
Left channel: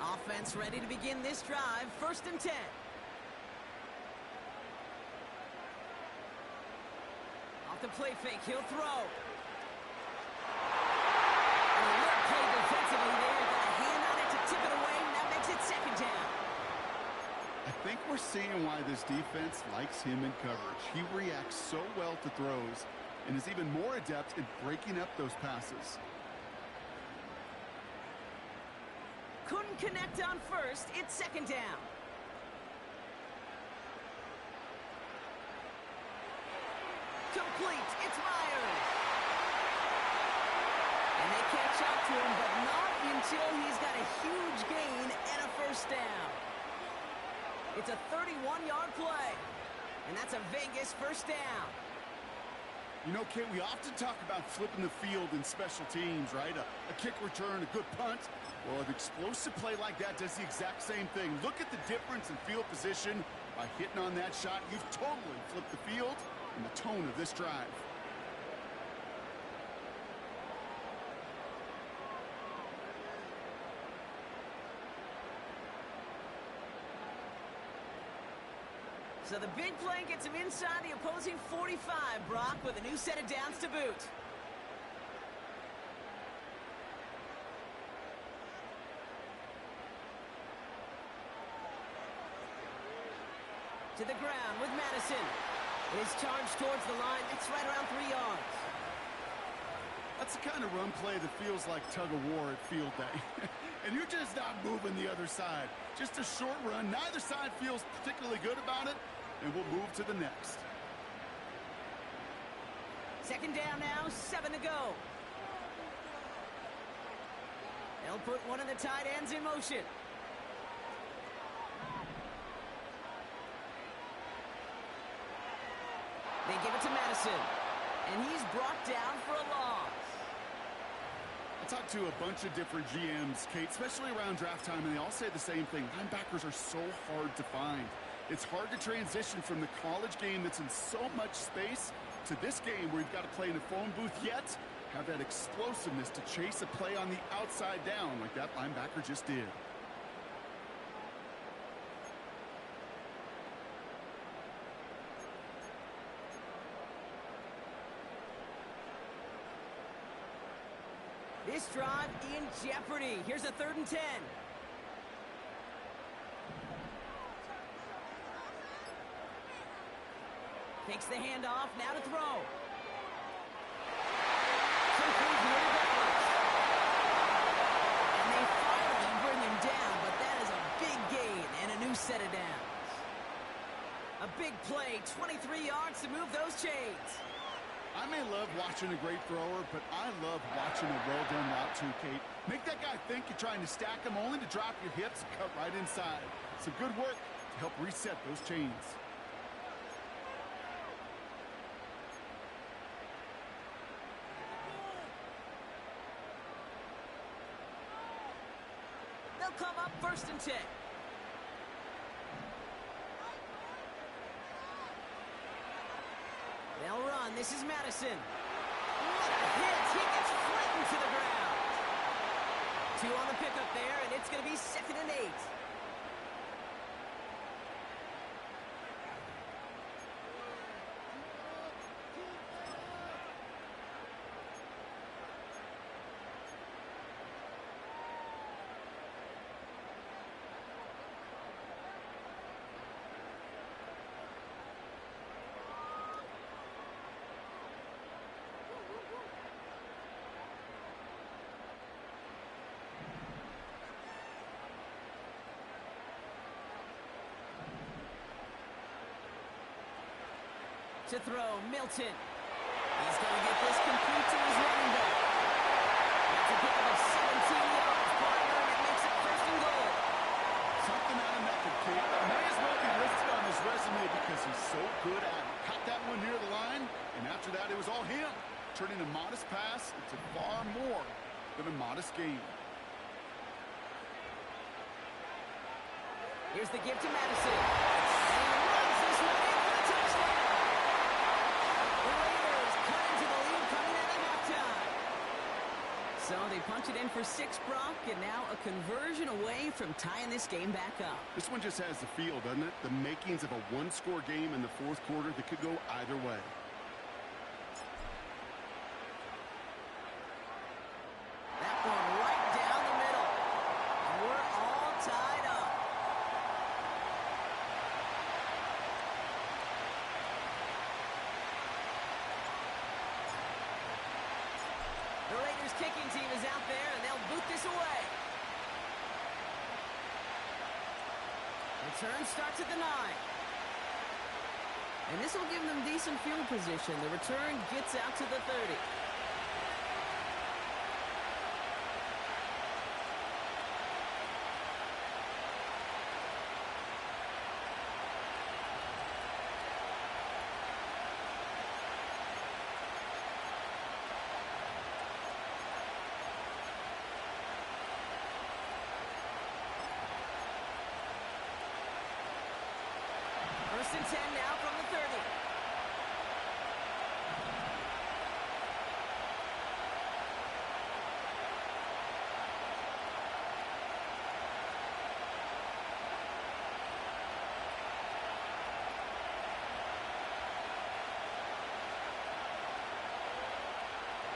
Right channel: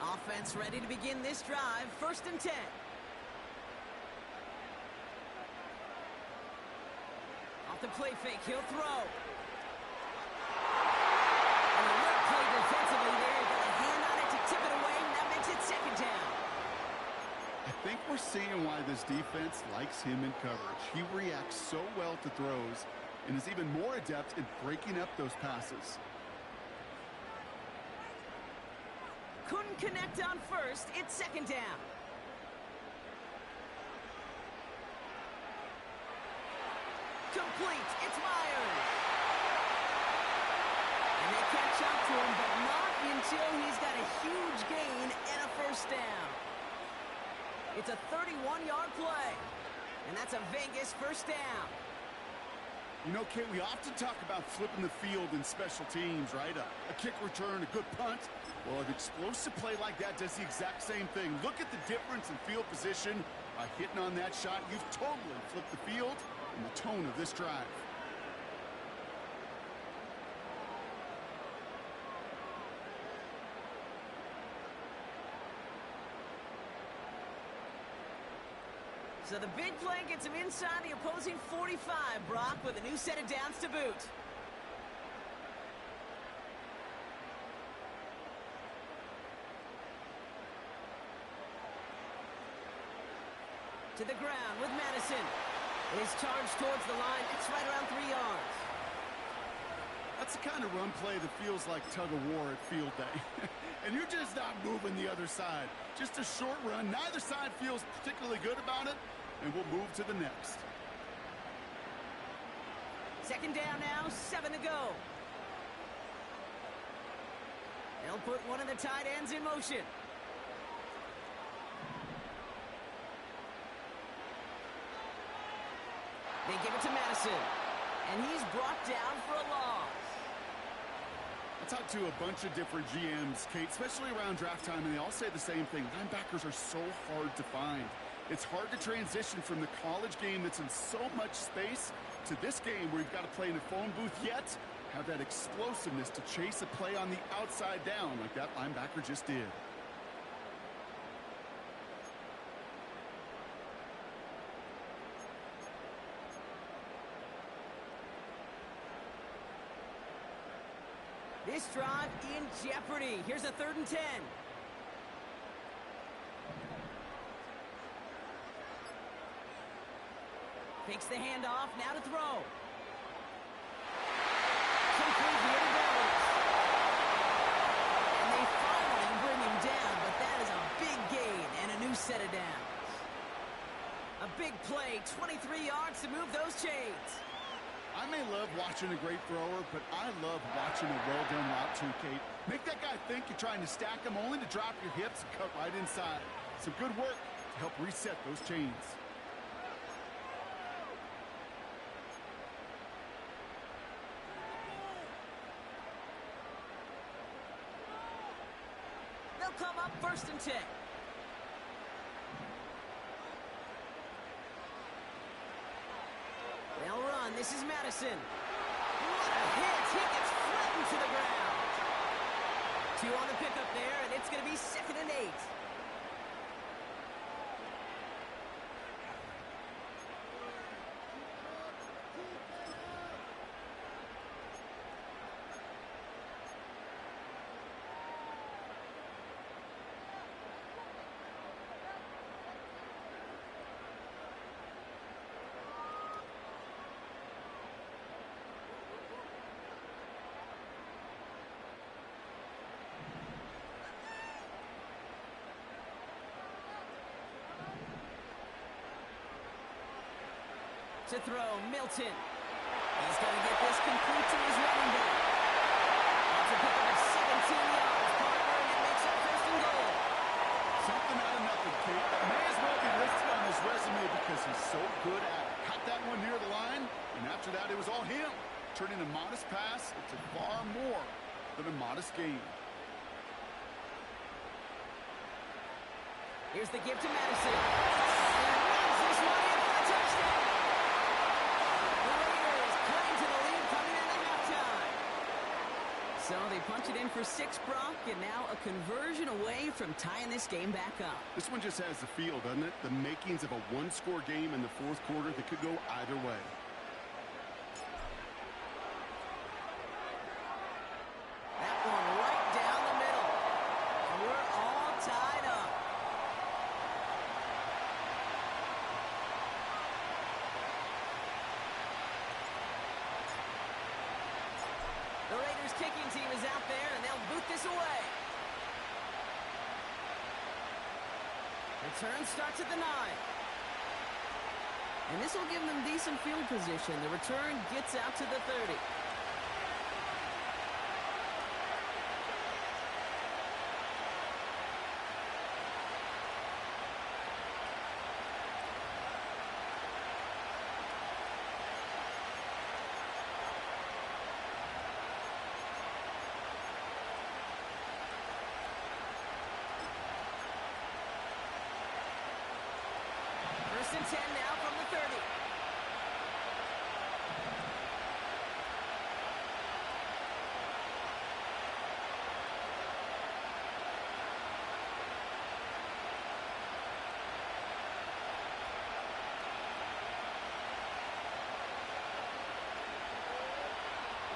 Offense ready to begin this drive. 1st and 10. Off the play fake, he'll throw. An alert play defensively there. Got a hand on it to tip it away, and that makes it 2nd down. I think we're seeing why this defense likes him in coverage. He reacts so well to throws and is even more adept in breaking up those passes. Couldn't connect on 1st. It's 2nd down. Complete. It's Myers. And they catch up to him, but not until he's got a huge gain and a 1st down. It's a 31-yard play. And that's a Vegas 1st down. You know, Kate, we often talk about flipping the field in special teams, right? A kick return, a good punt. Well, an explosive play like that does the exact same thing. Look at the difference in field position. By hitting on that shot, you've totally flipped the field and the tone of this drive. So the big play gets him inside the opposing 45, Brock, with a new set of downs to boot. To the ground with Madison. It is charged towards the line. It's right around 3 yards. That's the kind of run play that feels like tug-of-war at field day. And you're just not moving the other side. Just a short run. Neither side feels particularly good about it. And we'll move to the next. 2nd down now, 7 to go. They'll put one of the tight ends in motion. They give it to Madison. And he's brought down for a loss. I talked to a bunch of different GMs, Kate, especially around draft time, and they all say the same thing. Linebackers are so hard to find. It's hard to transition from the college game that's in so much space to this game where you've got to play in a phone booth, yet have that explosiveness to chase a play on the outside down like that linebacker just did. This drive in jeopardy. Here's a 3rd and 10. Takes the handoff, now to throw. Complete here to Dallas. And they finally bring him down, but that is a big gain and a new set of downs. A big play, 23 yards to move those chains. I may love watching a great thrower, but I love watching a well-done route too, Kate. Make that guy think you're trying to stack him only to drop your hips and cut right inside. Some good work to help reset those chains. They'll come up 1st and 10. They'll run. This is Madison. What a hit. He gets flattened to the ground. 2 on the pickup there, and it's going to be 2nd and 8. To throw, Milton. He's going to get this complete to his running back. That's a pickup of 17 yards, partner, and it makes it first and goal. Something out of nothing, Kate. That may as well be listed on his resume because he's so good at it. Caught that one near the line, and after that, it was all him. Turning a modest pass into far more than a modest gain. Here's the give to Madison. And he runs this one in for the touchdown. The Raiders cut into the lead coming out of halftime. So they punch it in for 6, Brock, and now a conversion away from tying this game back up. This one just has the feel, doesn't it? The makings of a one-score game in the fourth quarter that could go either way. That one right down the middle. And we're all tied up. The Raiders kicking team is out there, and they'll boot this away. Return starts at the 9. And this will give them decent field position. The return gets out to the 30. First and 10 now from the 30.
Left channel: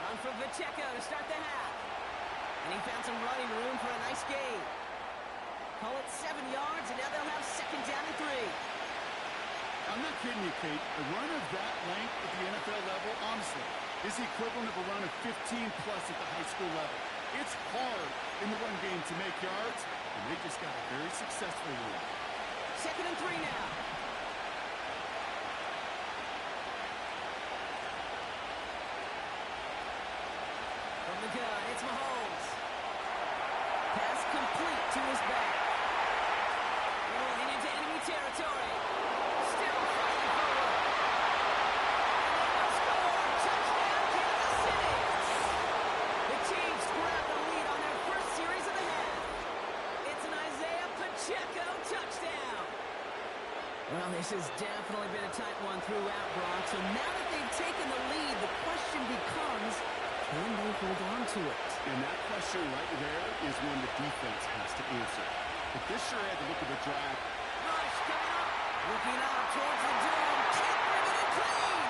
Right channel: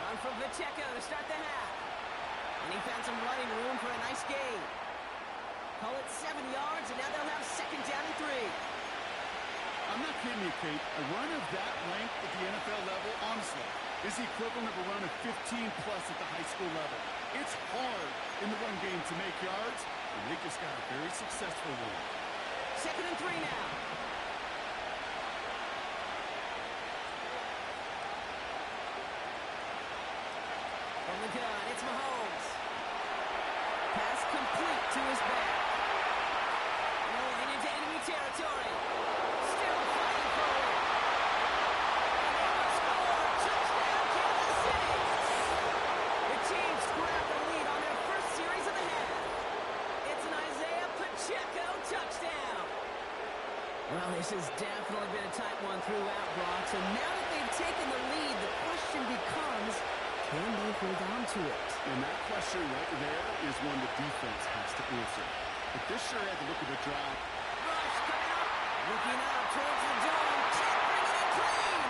Run from Pacheco to start the half. And he found some running room for a nice gain. Call it 7 yards, and now they'll have second down and 3. I'm not kidding you, Kate. A run of that length at the NFL level, honestly, is the equivalent of a run of 15-plus at the high school level. It's hard in the run game to make yards, and they just got a very successful one. Second and 3 now. From the gun, it's Mahomes. Pass complete to his back. Rolling into enemy territory. Still fighting forward. And they will score. Touchdown, Kansas City. The Chiefs grab the lead on their first series of the half. It's an Isaiah Pacheco touchdown. Well, this has definitely been a tight one throughout, Brock. So now that they've taken the lead, the question becomes, can they hold on to it? And that question right there is one the defense has to answer. But this sure had the look of a drive. Rush coming up. Looking up towards the dome. Can't bring it in clean.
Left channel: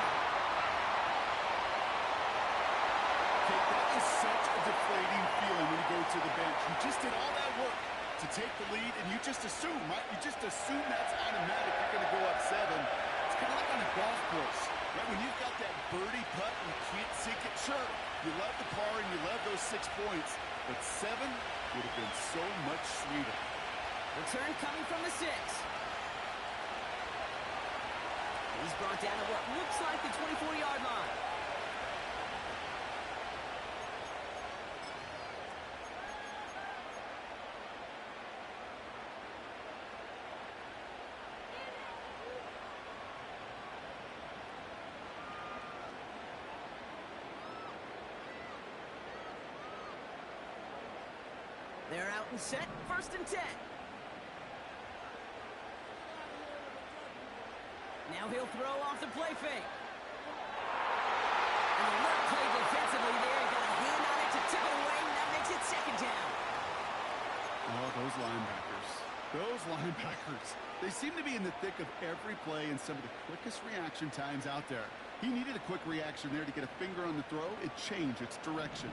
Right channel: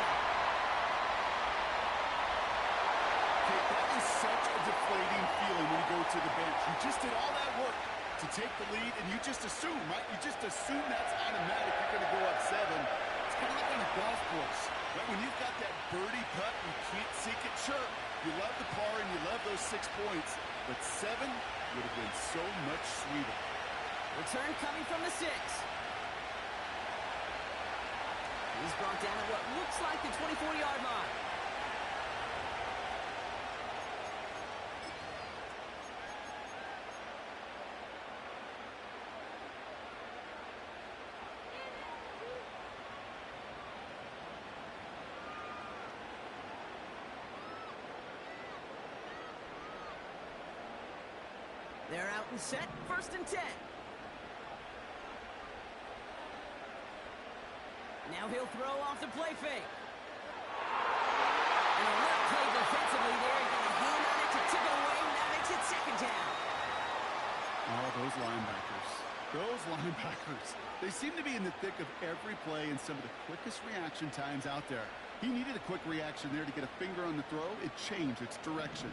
Kate, that is such a deflating feeling when you go to the bench. You just did all that work to take the lead, and you just assume, right? You just assume that's automatic. You're going to go up 7. It's kind of like on a golf course, right? When you've got that birdie putt, you can't sink it. Sure, you love the par and you love those 6 points, but 7 would have been so much sweeter. Return coming from the 6. He's brought down at what looks like the 24-yard line. They're out and set. First and 10. Now he'll throw off the play fake. An alert play defensively there. He got a hand on it to tip it away, and that makes it second down. Oh, those linebackers. Those linebackers. They seem to be in the thick of every play and some of the quickest reaction times out there. He needed a quick reaction there to get a finger on the throw. It changed its direction.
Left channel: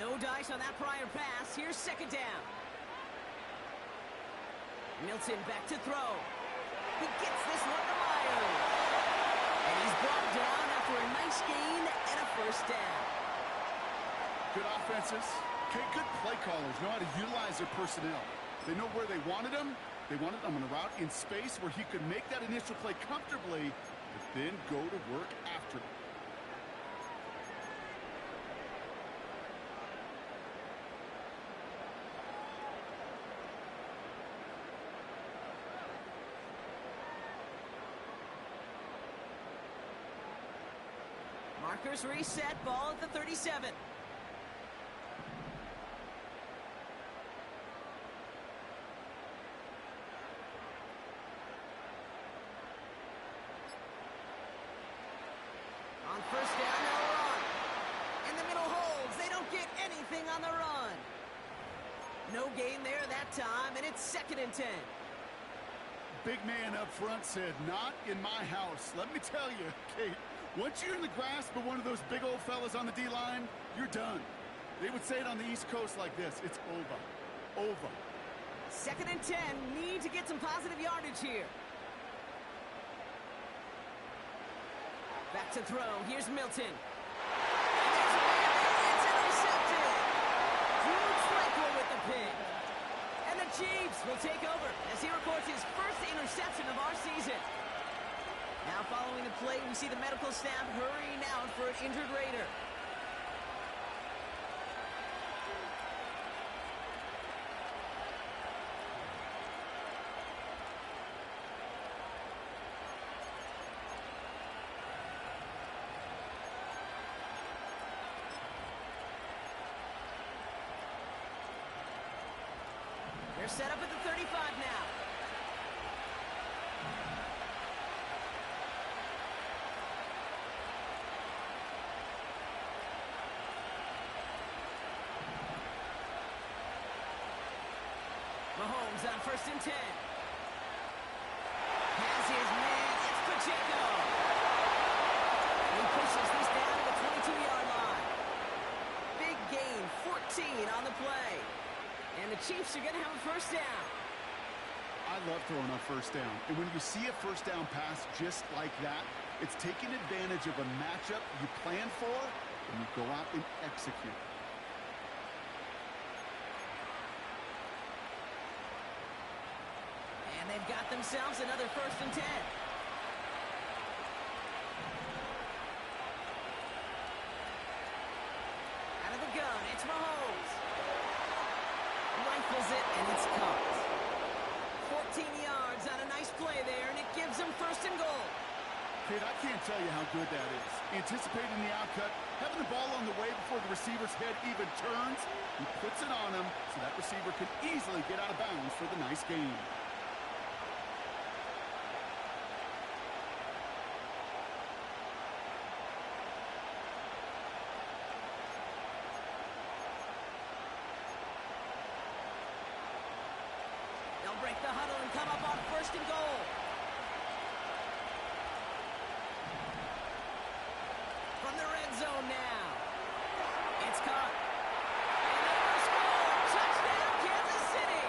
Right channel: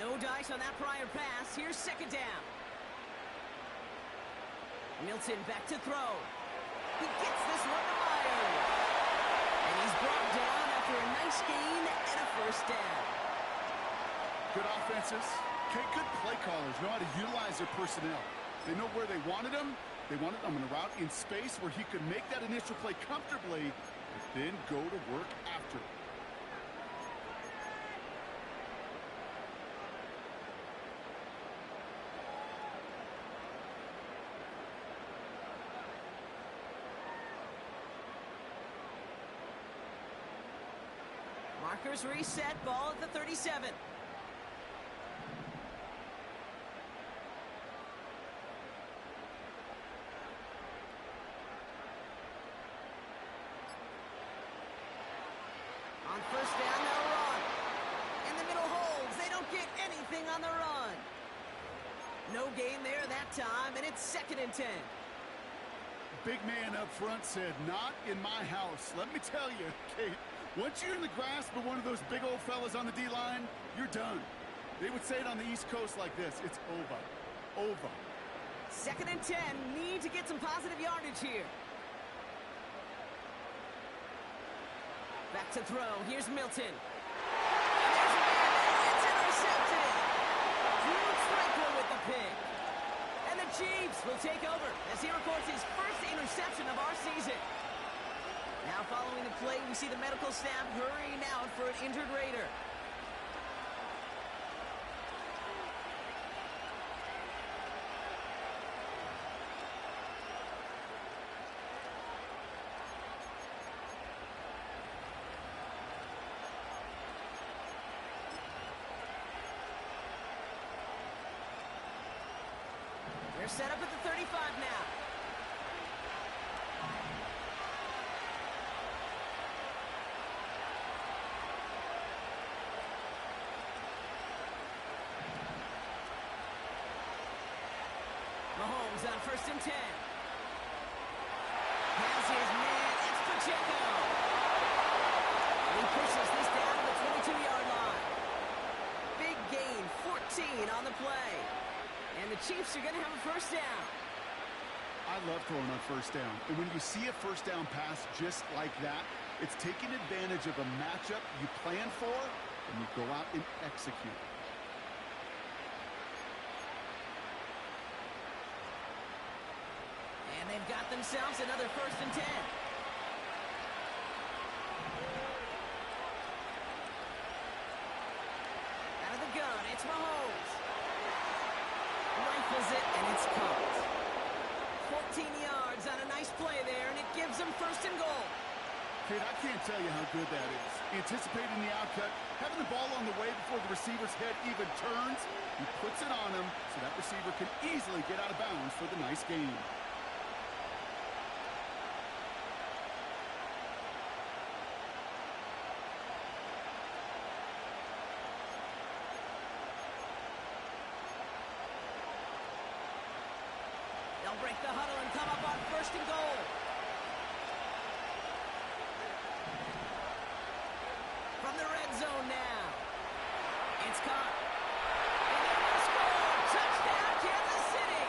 No dice on that prior pass. Here's second down. Milton back to throw. He gets this one to Myers. And he's brought down after a nice gain and a first down. Good offenses. Okay, good play callers know how to utilize their personnel. They know where they wanted them, They wanted him on a route in space where he could make that initial play comfortably, but then go to work after it. Markers reset, ball at the 37. On first down, they'll run. In the middle holds, they don't get anything on the run. No gain there that time, and it's 2nd and 10. Big man up front said, "Not in my house." Let me tell you, Kate, once you're in the grasp of one of those big old fellas on the D-line, you're done. They would say it on the East Coast like this: it's over. Over. 2nd and 10, need to get some positive yardage here. Back to throw, here's Milton. And there's a man there, it's intercepted. Drew Tranquil with the pick. And the Chiefs will take over as he records his first interception of our season. Now following the play, we see the medical staff hurrying out for an injured Raider. They're set up at the 35 now. Mahomes on 1st and 10. Has his man, it's Pacheco. And he pushes this down to the 22-yard line. Big gain, 14 on the play. And the Chiefs are going to have a first down. I love throwing on first down. And when you see a first down pass just like that, it's taking advantage of a matchup you plan for, and you go out and execute. And they've got themselves another 1st and 10. Out of the gun, it's Mahomes. Rifles it, and it's caught. 14 yards on a nice play there, and it gives them 1st and goal. Kate, I can't tell you how good that is. Anticipating the outcut, having the ball on the way before the receiver's head even turns, he puts it on him so that receiver can easily get out of bounds for the nice gain. They'll break the huddle and come up on 1st and goal. From the red zone now. It's caught. And they will score. Touchdown, Kansas City.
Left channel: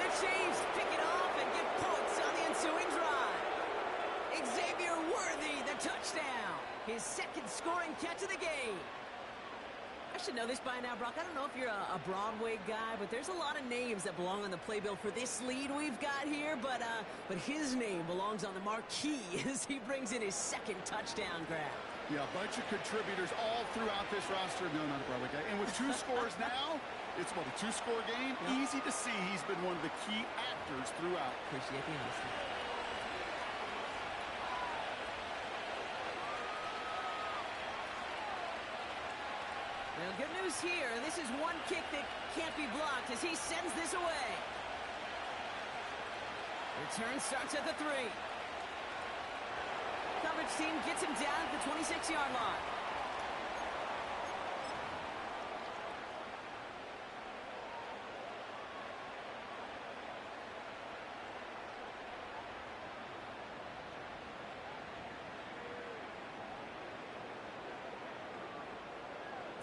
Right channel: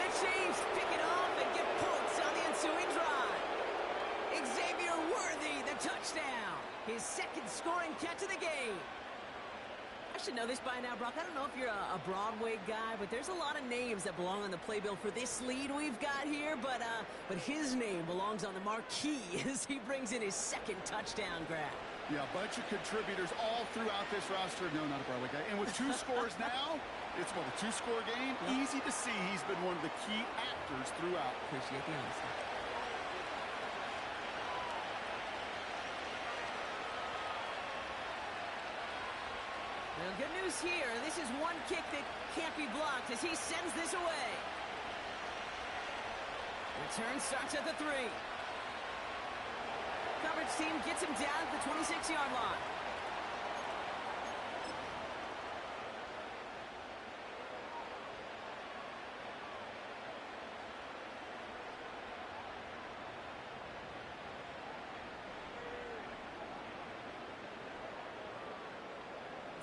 The Chiefs pick it off and get points on the ensuing drive. Xavier Worthy, the touchdown. His 2nd scoring catch of the game. I should know this by now, Brock. I don't know if you're a Broadway guy, but there's a lot of names that belong on the playbill for this lead we've got here, but his name belongs on the marquee as he brings in his 2nd touchdown grab. Yeah, a bunch of contributors all throughout this roster. No, not a Broadway guy. And with 2 scores now, it's what, a 2-score game? Yep. Easy to see he's been one of the key actors throughout. Appreciate the honesty. Well, good news here. This is one kick that can't be blocked as he sends this away. Return starts at the 3. Coverage team gets him down at the 26-yard line.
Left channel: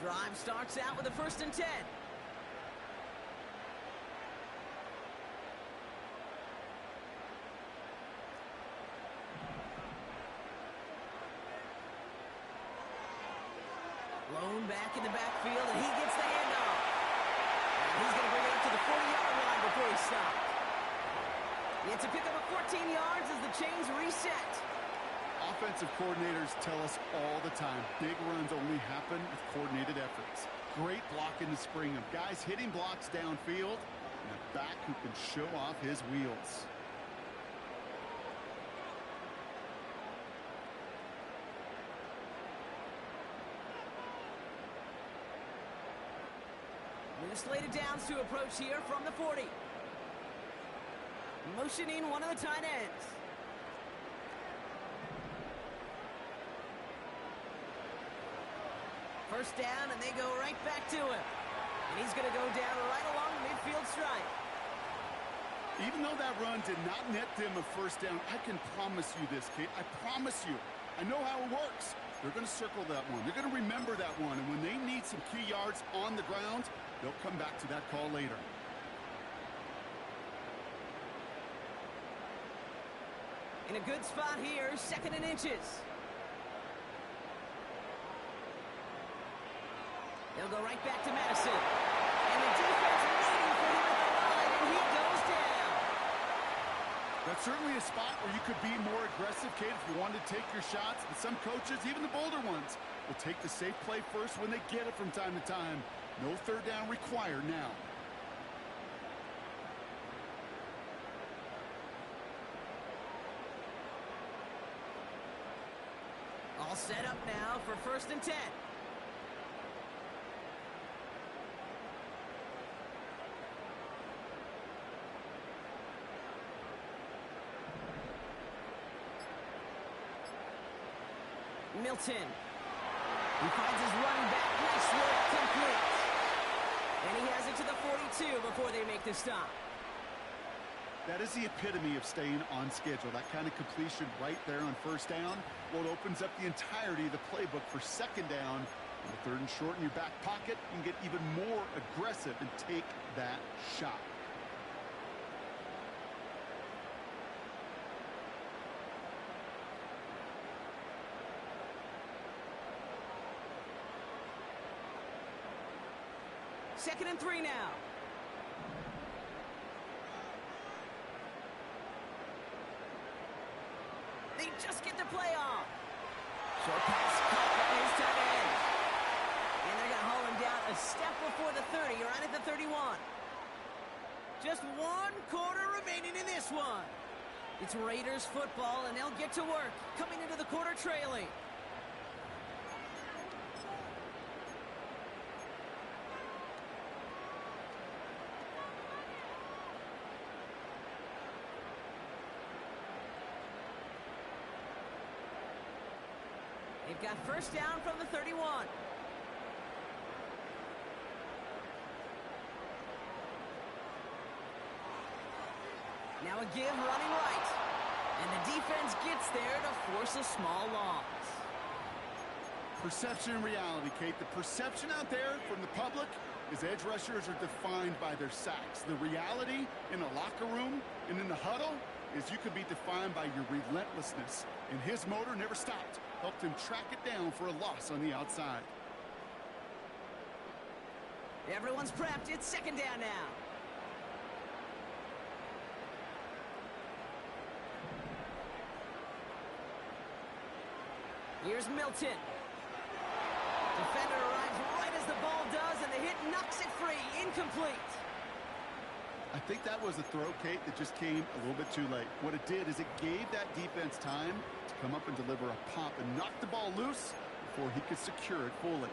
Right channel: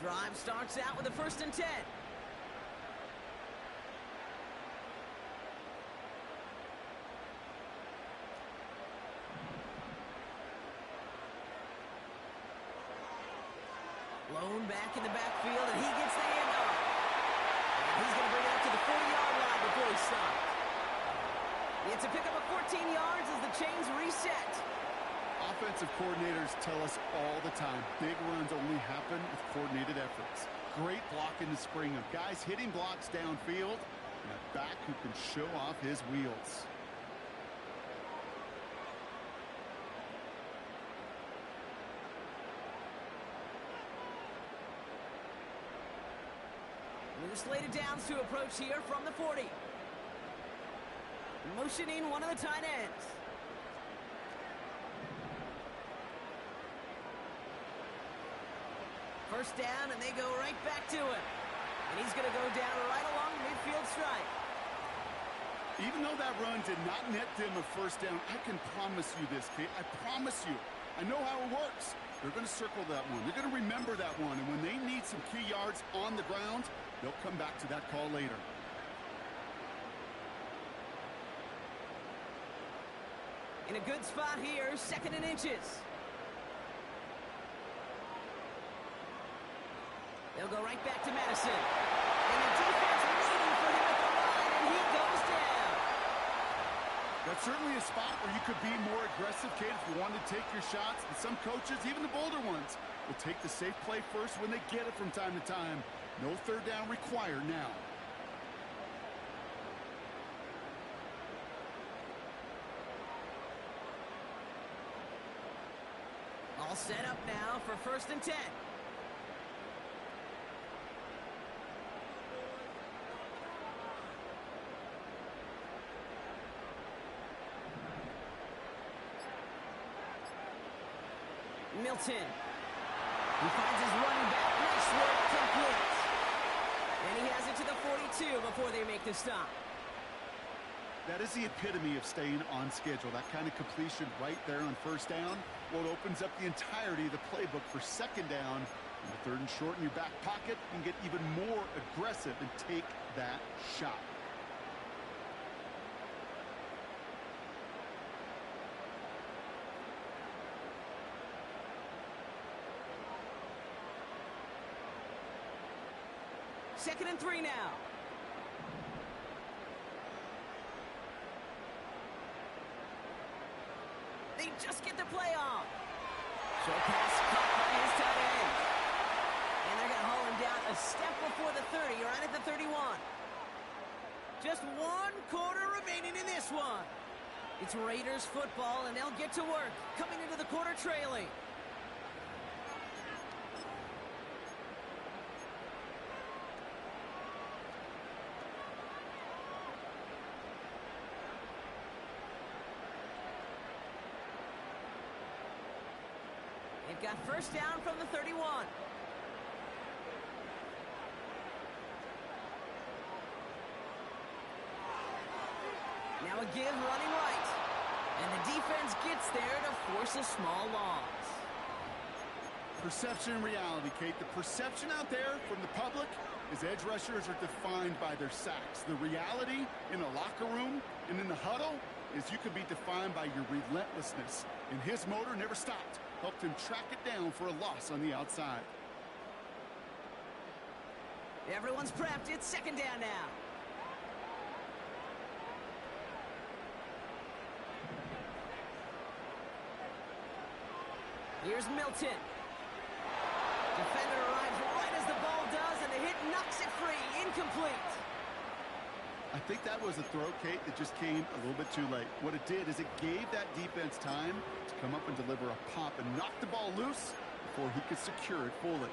Drive starts out with a 1st and 10. Blown back in the backfield, and he gets the handoff. And he's going to bring it up to the 40-yard line before he stops. It's a pickup of 14 yards as the chains reset. Offensive coordinators tell us all the time, big runs only happen with coordinated efforts. Great blocking to spring them. Guys hitting blocks downfield, and a back who can show off his wheels. New slated downs to approach here from the 40. Motioning one of the tight ends. First down, and they go right back to him. And he's going to go down right along the midfield stripe. Even though that run did not net them a first down, I can promise you this, Kate. I promise you. I know how it works. They're going to circle that one. They're going to remember that one. And when they need some key yards on the ground, they'll come back to that call later. In a good spot here, 2nd and inches. They'll go right back to Madison. And the defense waiting for him at the line, and he goes down. That's certainly a spot where you could be more aggressive, Kate, if you wanted to take your shots. And some coaches, even the bolder ones, will take the safe play first when they get it from time to time. No third down required now. All set up now for 1st and 10. Milton. He finds his running back. Nice work, complete. And he has it to the 42 before they make the stop. That is the epitome of staying on schedule. That kind of completion right there on 1st down. Well, it opens up the entirety of the playbook for 2nd down. On the 3rd and short in your back pocket, you can get even more aggressive and take that shot. Second and 3 now. They just get the play off. Short pass caught by his tight end. And they're going to haul him down a step before the 30, or right at the 31. Just 1 quarter remaining in this one. It's Raiders football, and they'll get to work, coming into the quarter trailing. They've got 1st down from the 31. Now a give running right. And the defense gets there to force a small loss. Perception and reality, Kate. The perception out there from the public is edge rushers are defined by their sacks. The reality in a locker room and in the huddle is you can be defined by your relentlessness. And his motor never stopped. Helped him track it down for a loss on the outside. Everyone's prepped. It's 2nd down now. Here's Milton. Defender arrives right as the ball does, and the hit knocks it free. Incomplete. I think that was a throw, Kate, that just came a little bit too late. What it did is it gave that defense time to come up and deliver a pop and knock the ball loose before he could secure it fully.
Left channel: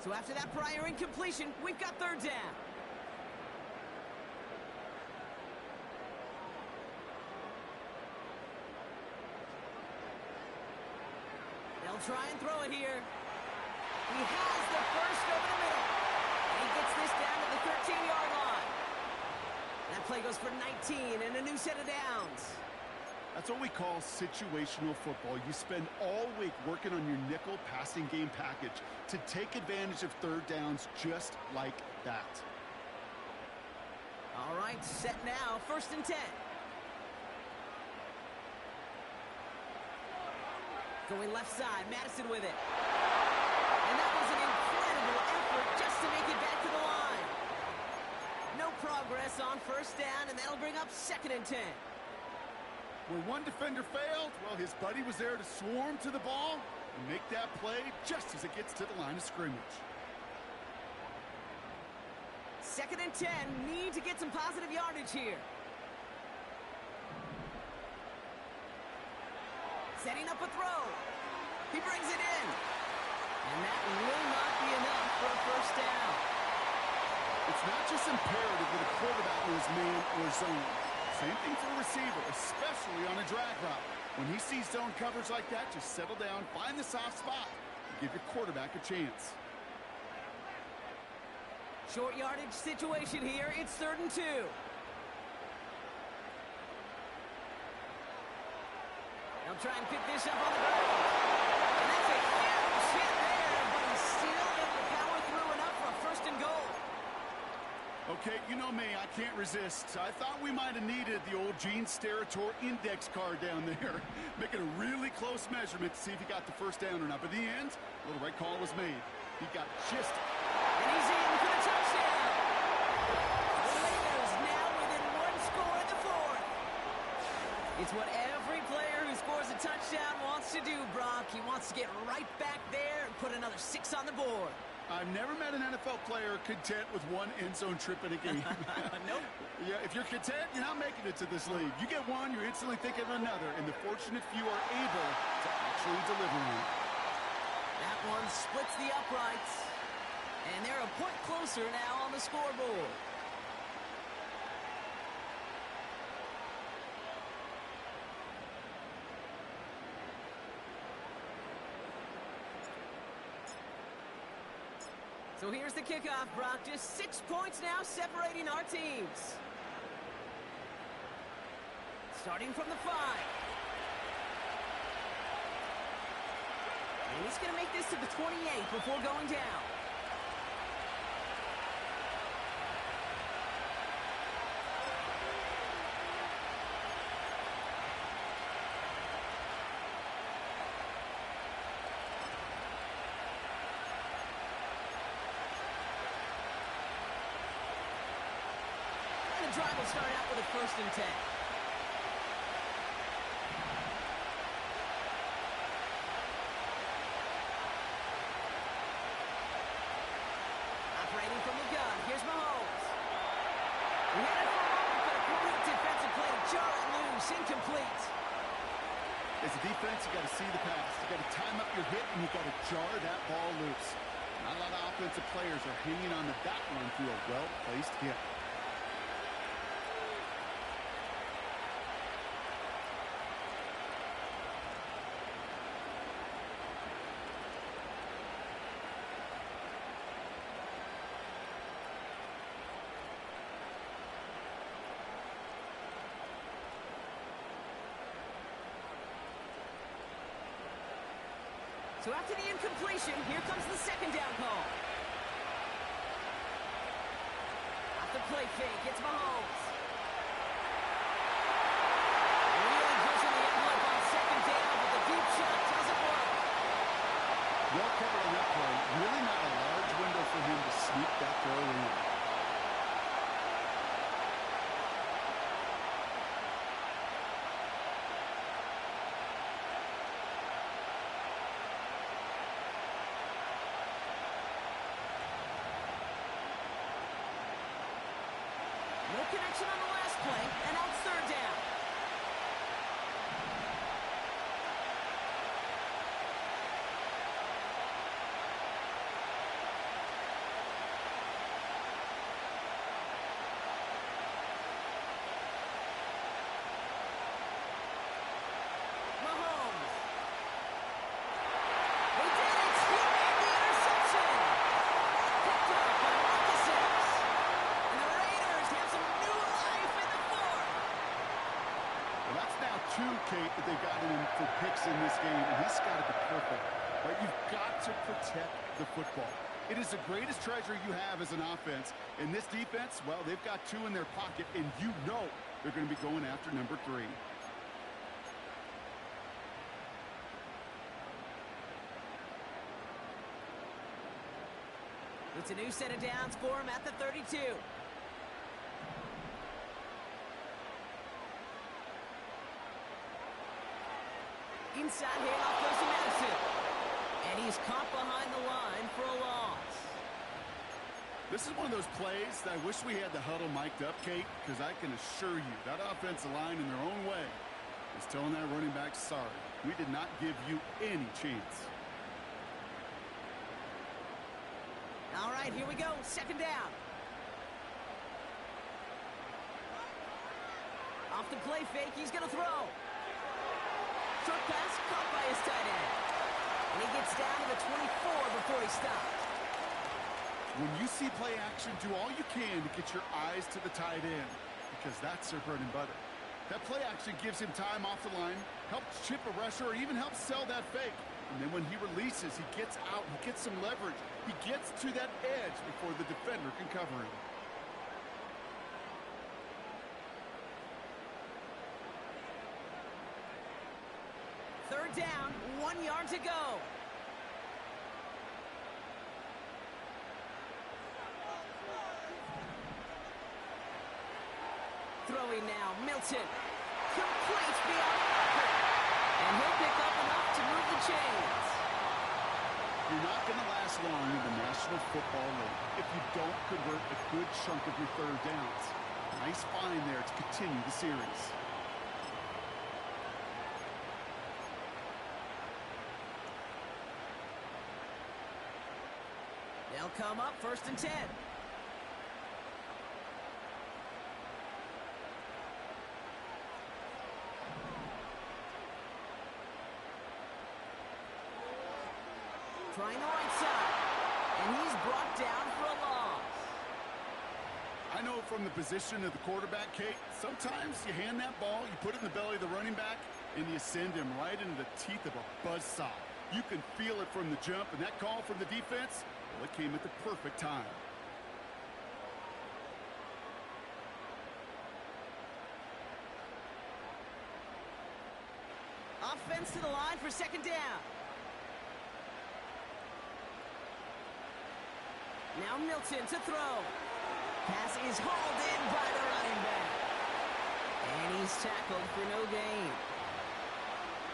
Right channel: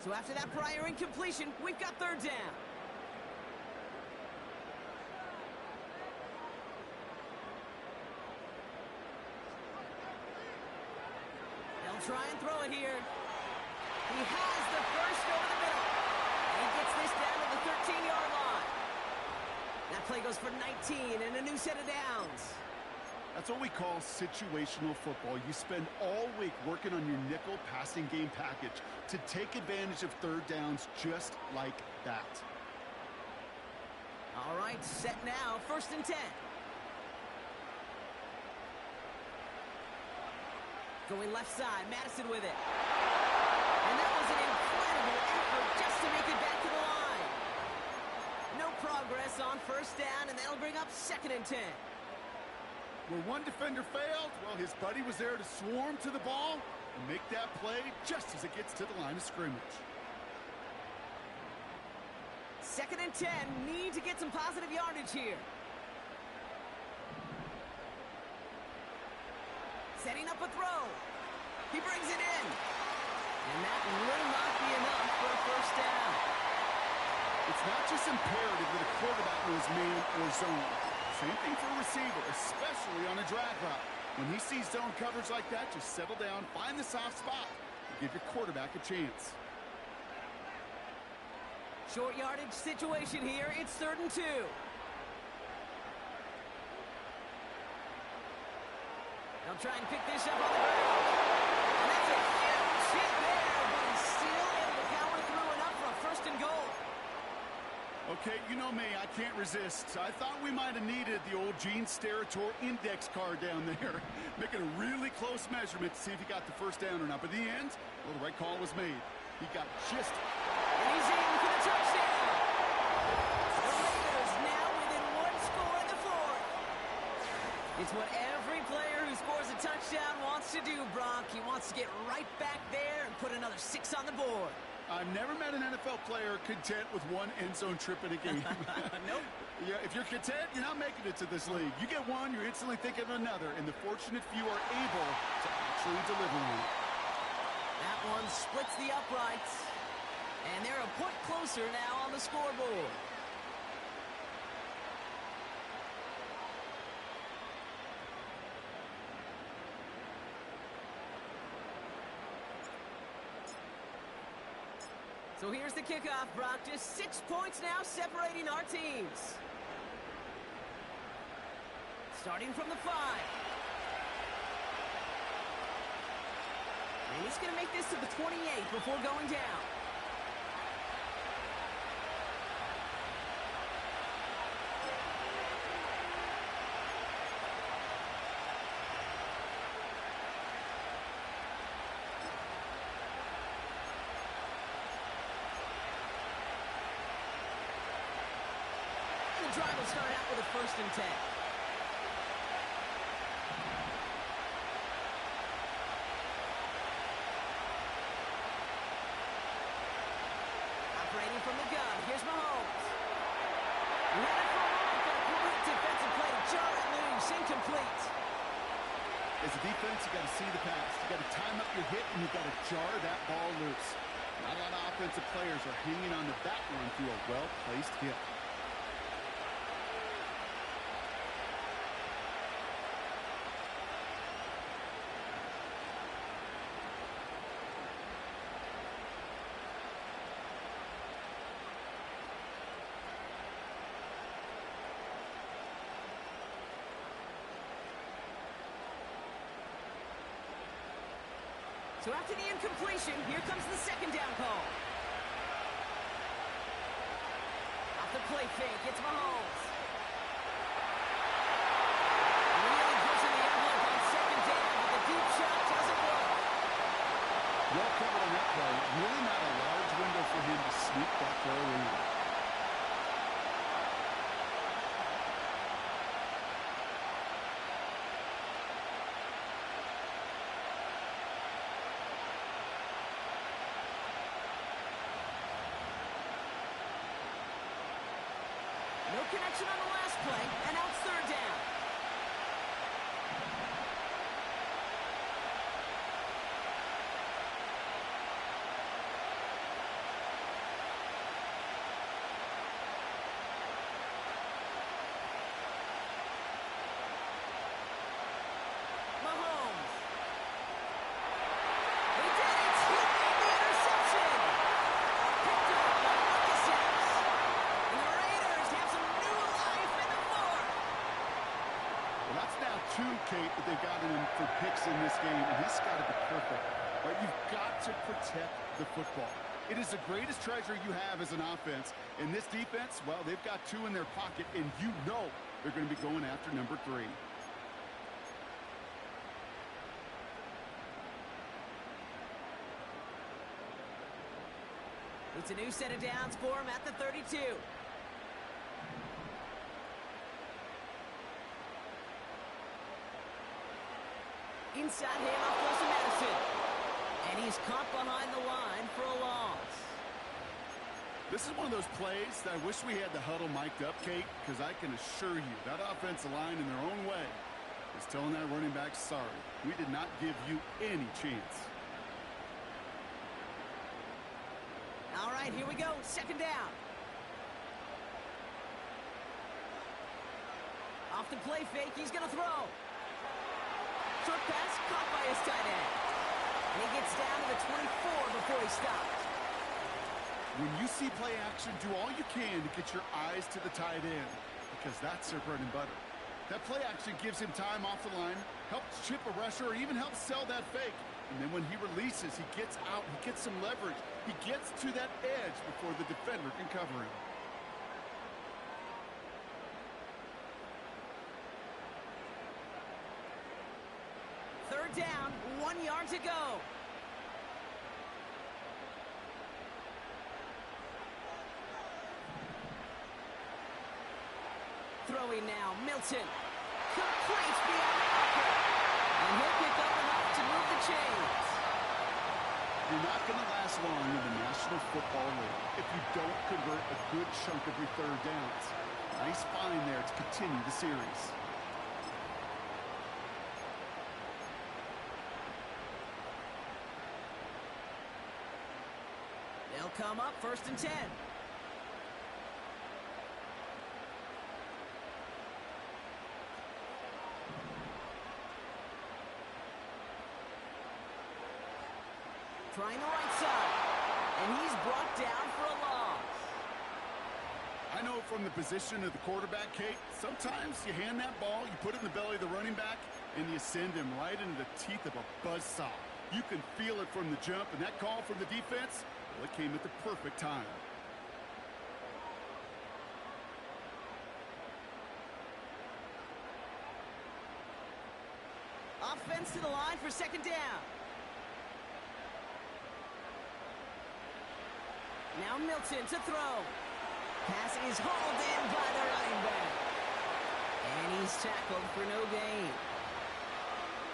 So after that prior incompletion, we've got 3rd down. They'll try and throw it here. He has the first over the middle. And he gets this down to the 13-yard line. That play goes for 19 and a new set of downs. That's what we call situational football. You spend all week working on your nickel passing game package to take advantage of 3rd downs just like that. All right, set now, 1st and 10. Going left side, Madison with it. And that was an incredible effort just to make it back to the line. No progress on first down, and that'll bring up 2nd and 10. Where one defender failed, well, his buddy was there to swarm to the ball and make that play just as it gets to the line of scrimmage. 2nd and 10, need to get some positive yardage here. Setting up a throw. He brings it in. And that will not be enough for a first down. It's not just imperative that a quarterback knows man or zone. Same thing for a receiver, especially on a drag route. When he sees zone coverage like that, just settle down, find the soft spot, and give your quarterback a chance. Short yardage situation here. It's 3rd and 2. They'll try and pick this up on the ground. And that's a huge hit there, but he's still able to power through enough for a 1st and goal. Okay, you know me, I can't resist. I thought we might have needed the old Gene Steratore index card down there. Making a really close measurement to see if he got the first down or not. But in the end, a little right call was made. He got just... And he's in for the touchdown. The Raiders now within 1 score in the 4th. It's what every player who scores a touchdown wants to do, Brock. He wants to get right back there and put another 6 on the board. I've never met an NFL player content with 1 end zone trip in a game. Nope. Yeah, if you're content, you're not making it to this league. You get one, you're instantly thinking of another, and the fortunate few are able to actually deliver on it. That one splits the uprights. And they're a point closer now on the scoreboard. So here's the kickoff, Brock. Just 6 points now separating our teams. Starting from the 5. And he's going to make this to the 28 before going down. The drive will start out with a 1st and 10. Operating from the gun, here's Mahomes. We had it for a moment, but a great defensive play to jar it loose, incomplete. As a defense, you got to see the pass. You got to time up your hit, and you got to jar that ball loose. Not a lot of offensive players are hanging on to that one through a well-placed hit. So after the incompletion, here comes the 2nd down call. Off the play fake, it's Mahomes. Really pushing the envelope on 2nd down, but the deep shot doesn't work. Well covered on that play. Really not a large window for him to sneak that throw in. No connection on the last play, and now it's 3rd down. Mahomes. They did it! He made the interception! Picked up by Marcus Epps. And the Raiders have some new life in the 4th. Well, that's now 2, Kate, that they've gotten him for picks in this game, and he's got to be perfect. Right? You've got to protect the football. It is the greatest treasure you have as an offense. In this defense, well, they've got 2 in their pocket, and you know they're going to be going after number 3. It's a new set of downs for him at the 32. Inside handoff goes to Madison. And he's caught behind the line for a loss. This is one of those plays that I wish we had the huddle mic'd up, Kate, because I can assure you that offensive line in their own way is telling that running back, sorry, we did not give you any chance. All right, here we go. Second down. Off the play fake, he's going to throw. Short pass caught by his tight end. And he gets down to the 24 before he stops. When you see play action, do all you can to get your eyes to the tight end, because that's their bread and butter. That play action gives him time off the line, helps chip a rusher, or even helps sell that fake. And then when he releases, he gets out, he gets some leverage. He gets to that edge before the defender can cover him. Third down, 1 yard to go. Throwing now, Milton. Complete beyond the marker. And he'll pick up enough to move the chains. You're not going to last long in the National Football League if you don't convert a good chunk of your third downs. Nice find there to continue the series. They'll come up 1st and 10. Trying the right side. And he's brought down for a loss. I know from the position of the quarterback, Kate, sometimes you hand that ball, you put it in the belly of the running back, and you send him right into the teeth of a buzzsaw. You can feel it from the jump, and that call from the defense, well, it came at the perfect time. Offense to the line for second down. Now Milton to throw. Pass is hauled in by the running back. And he's tackled for no gain.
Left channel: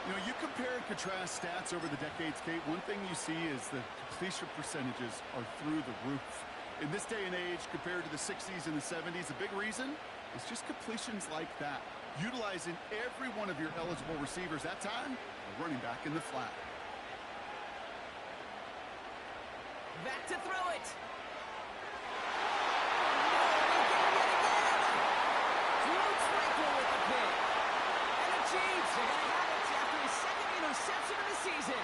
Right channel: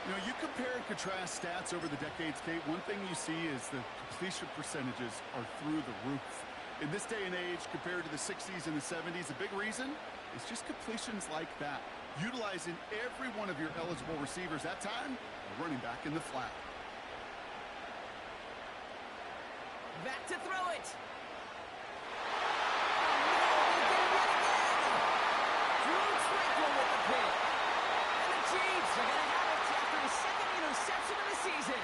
You know, you compare and contrast stats over the decades, Kate. One thing you see is the completion percentages are through the roof. In this day and age, compared to the 60s and the 70s, a big reason is just completions like that. Utilizing every one of your eligible receivers that time, a running back in the flat. Back to throw it. Oh, no, they get him yet again. Drew Tranquil with the pick. And the Chiefs are going to have it after his second interception of the season.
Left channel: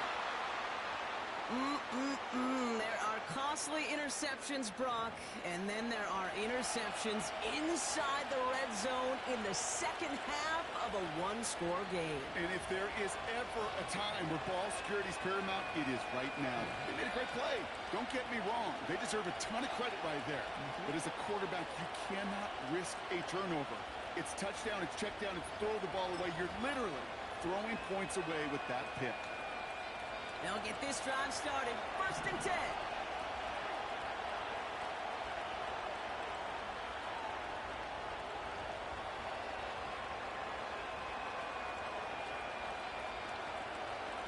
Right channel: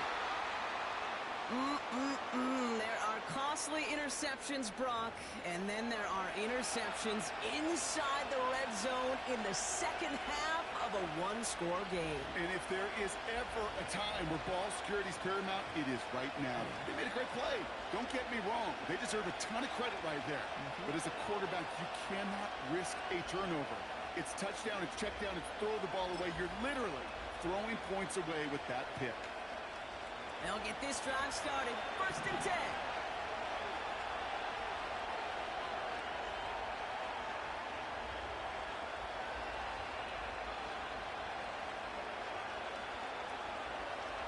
There are costly interceptions, Brock, and then there are interceptions inside the red zone in the second half of a one-score game. And if there is ever a time where ball security is paramount, it is right now. They made a great play. Don't get me wrong. They deserve a ton of credit right there. But as a quarterback, you cannot risk a turnover. It's touchdown, it's check down, it's throw the ball away. You're literally throwing points away with that pick. They'll get this drive started. 1st and 10.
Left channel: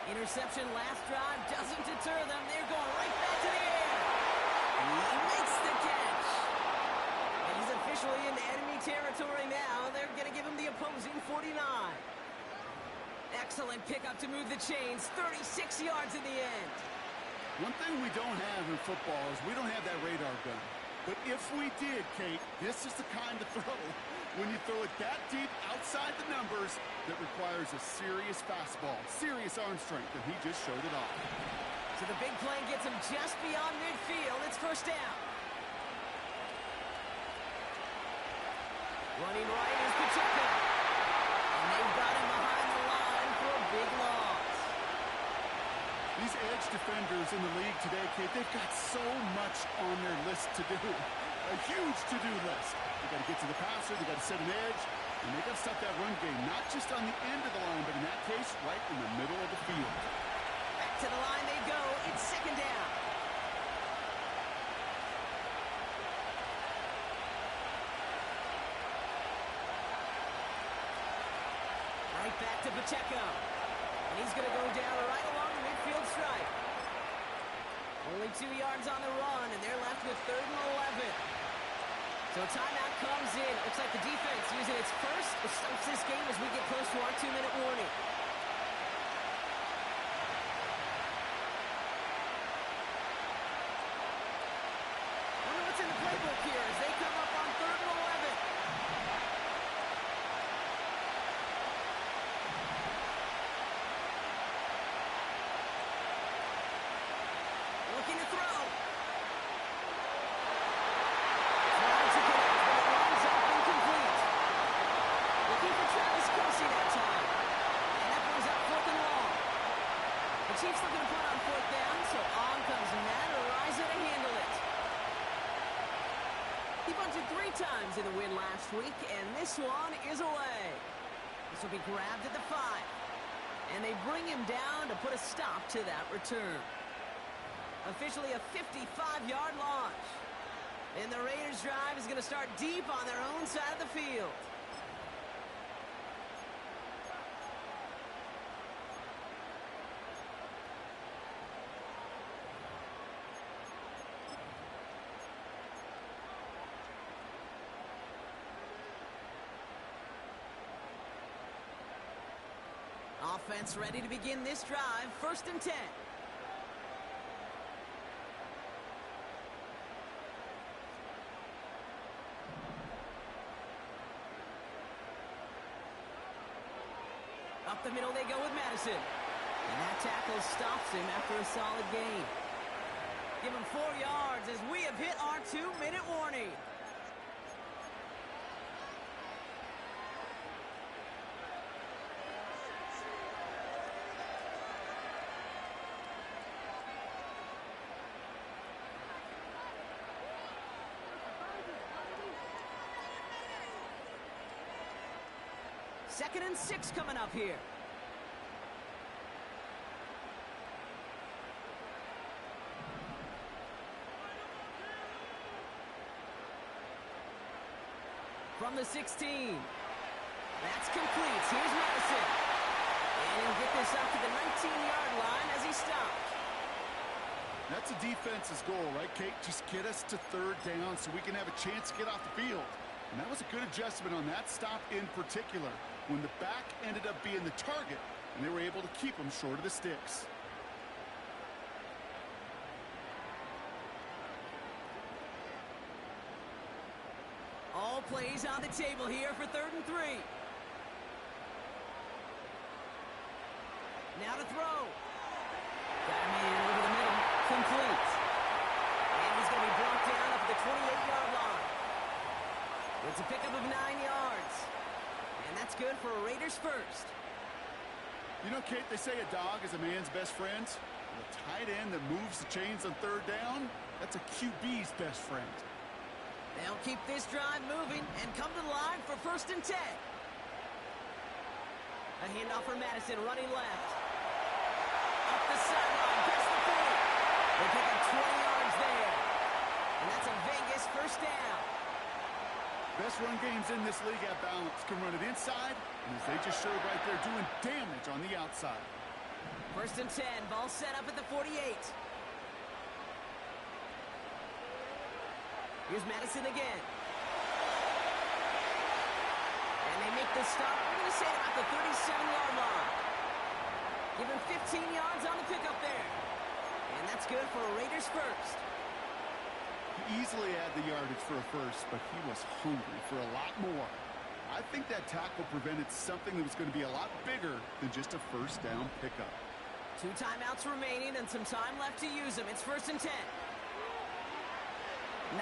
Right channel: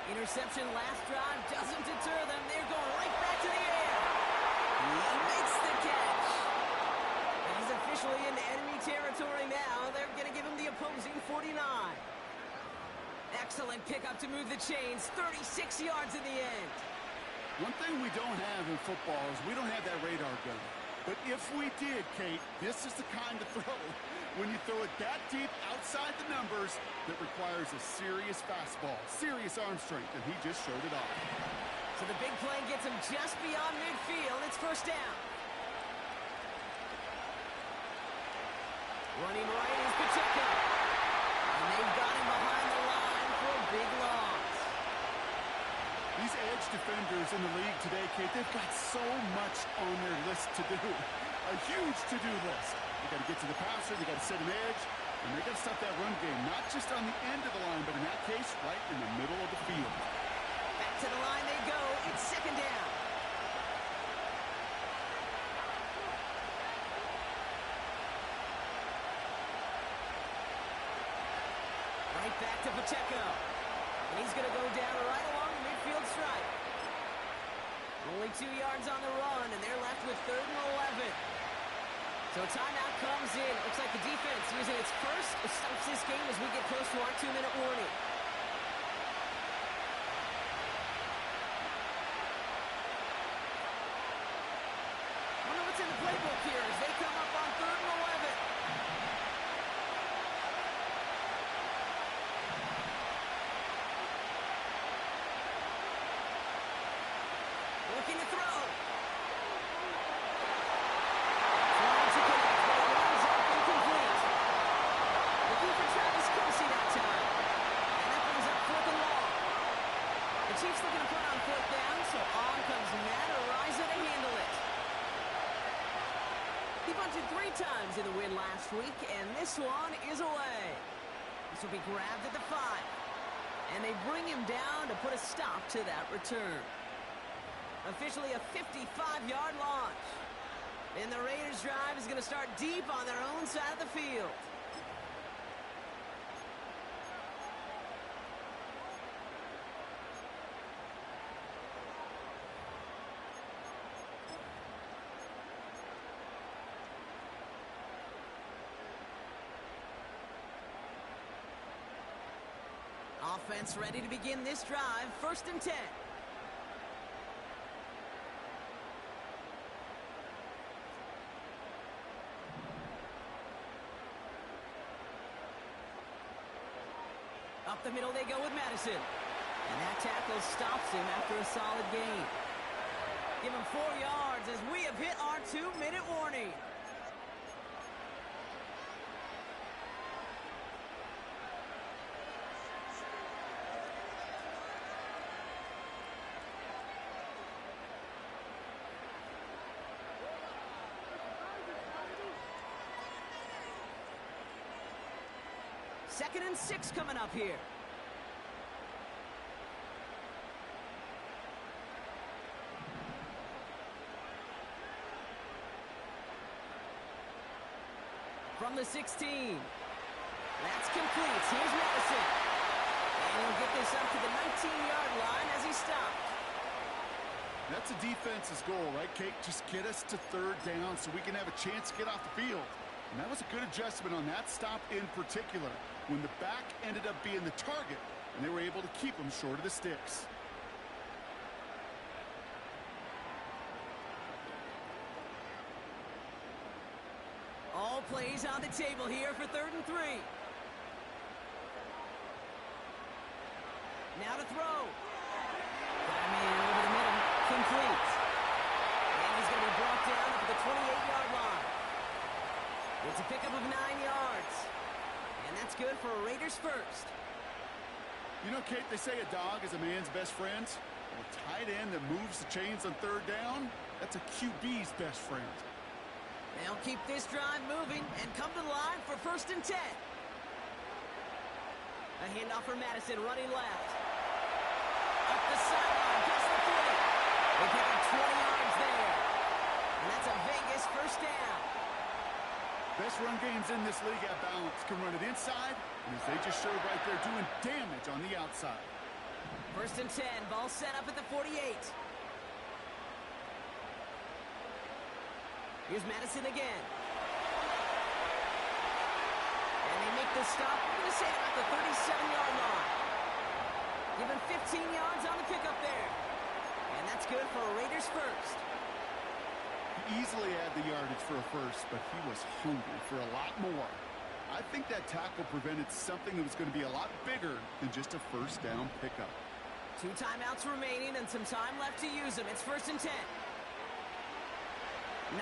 Interception last drive doesn't deter them. They're going right back to the air. He makes the catch. And he's officially in enemy territory now. They're going to give him the opposing 49. Excellent pickup to move the chains. 36 yards in the end. One thing we don't have in football is we don't have that radar gun. But if we did, Kate, this is the kind of throw, when you throw it that deep outside the numbers, that requires a serious fastball, serious arm strength, and he just showed it off. So the big play gets him just beyond midfield. It's 1st down. Running right is Pacheco. And they've got him behind the line for a big loss. These edge defenders in the league today, Kate, they've got so much on their list to do. A huge to-do list. They got to get to the passer, they got to set an edge, and they got to stop that run game, not just on the end of the line, but in that case, right in the middle of the field. Back to the line they go. It's 2nd down. Back to Pacheco. And he's going to go down right along the midfield stripe. Only 2 yards on the run, and they're left with 3rd and 11. So timeout comes in. It looks like the defense using its first. It stops this game as we get close to our 2-minute warning. Wonder what's in the playbook here as they come up on 3rd and 11. Looking to throw. Trying to connect, but it runs up incomplete. Looking for Travis Kelce that time. And that brings up 4th and long. The Chiefs looking to put on 4th down, so on comes Matt Araiza to handle it. He bunted 3 times in the win last week, and this one is away. This will be grabbed at the 5. And they bring him down to put a stop to that return. Officially a 55-yard launch. And the Raiders' drive is going to start deep on their own side of the field. Offense ready to begin this drive. 1st and 10. Up the middle they go with Madison. And that tackle stops him after a solid gain. Give him 4 yards as we have hit our 2-minute warning. Second and 6 coming up here. From the 16. That's complete. Here's Madison. And he'll get this up to the 19-yard line as he stopped. That's a defense's goal, right, Kate? Just get us to 3rd down so we can have a chance to get off the field. And that was a good adjustment on that stop in particular, when the back ended up being the target, and they were able to keep him short of the sticks. All plays on the table here for 3rd and 3. Now to throw. Got him in over the middle. Complete. And he's going to be brought down up at the 28-yard line. It's a pickup of 9 yards. And that's good for a Raiders first. You know, Kate, they say a dog is a man's best friend. Well, a tight end that moves the chains on 3rd down, that's a QB's best friend. They'll keep this drive moving and come to the line for 1st and 10. A handoff for Madison running left. Up the sideline, past the 40. They pick up 20 yards there. And that's a Vegas 1st down. Best run games in this league at balance. Can run it inside, and as they just showed right there, doing damage on the outside. 1st and 10, ball set up at the 48. Here's Madison again. And they make the stop. We're going to say about the 37-yard line. Give him 15 yards on the pickup there. And that's good for a Raiders first. He easily had the yardage for a first, but he was hungry for a lot more. I think that tackle prevented something that was going to be a lot bigger than just a 1st down pickup. 2 timeouts remaining and some time left to use them. It's 1st and 10.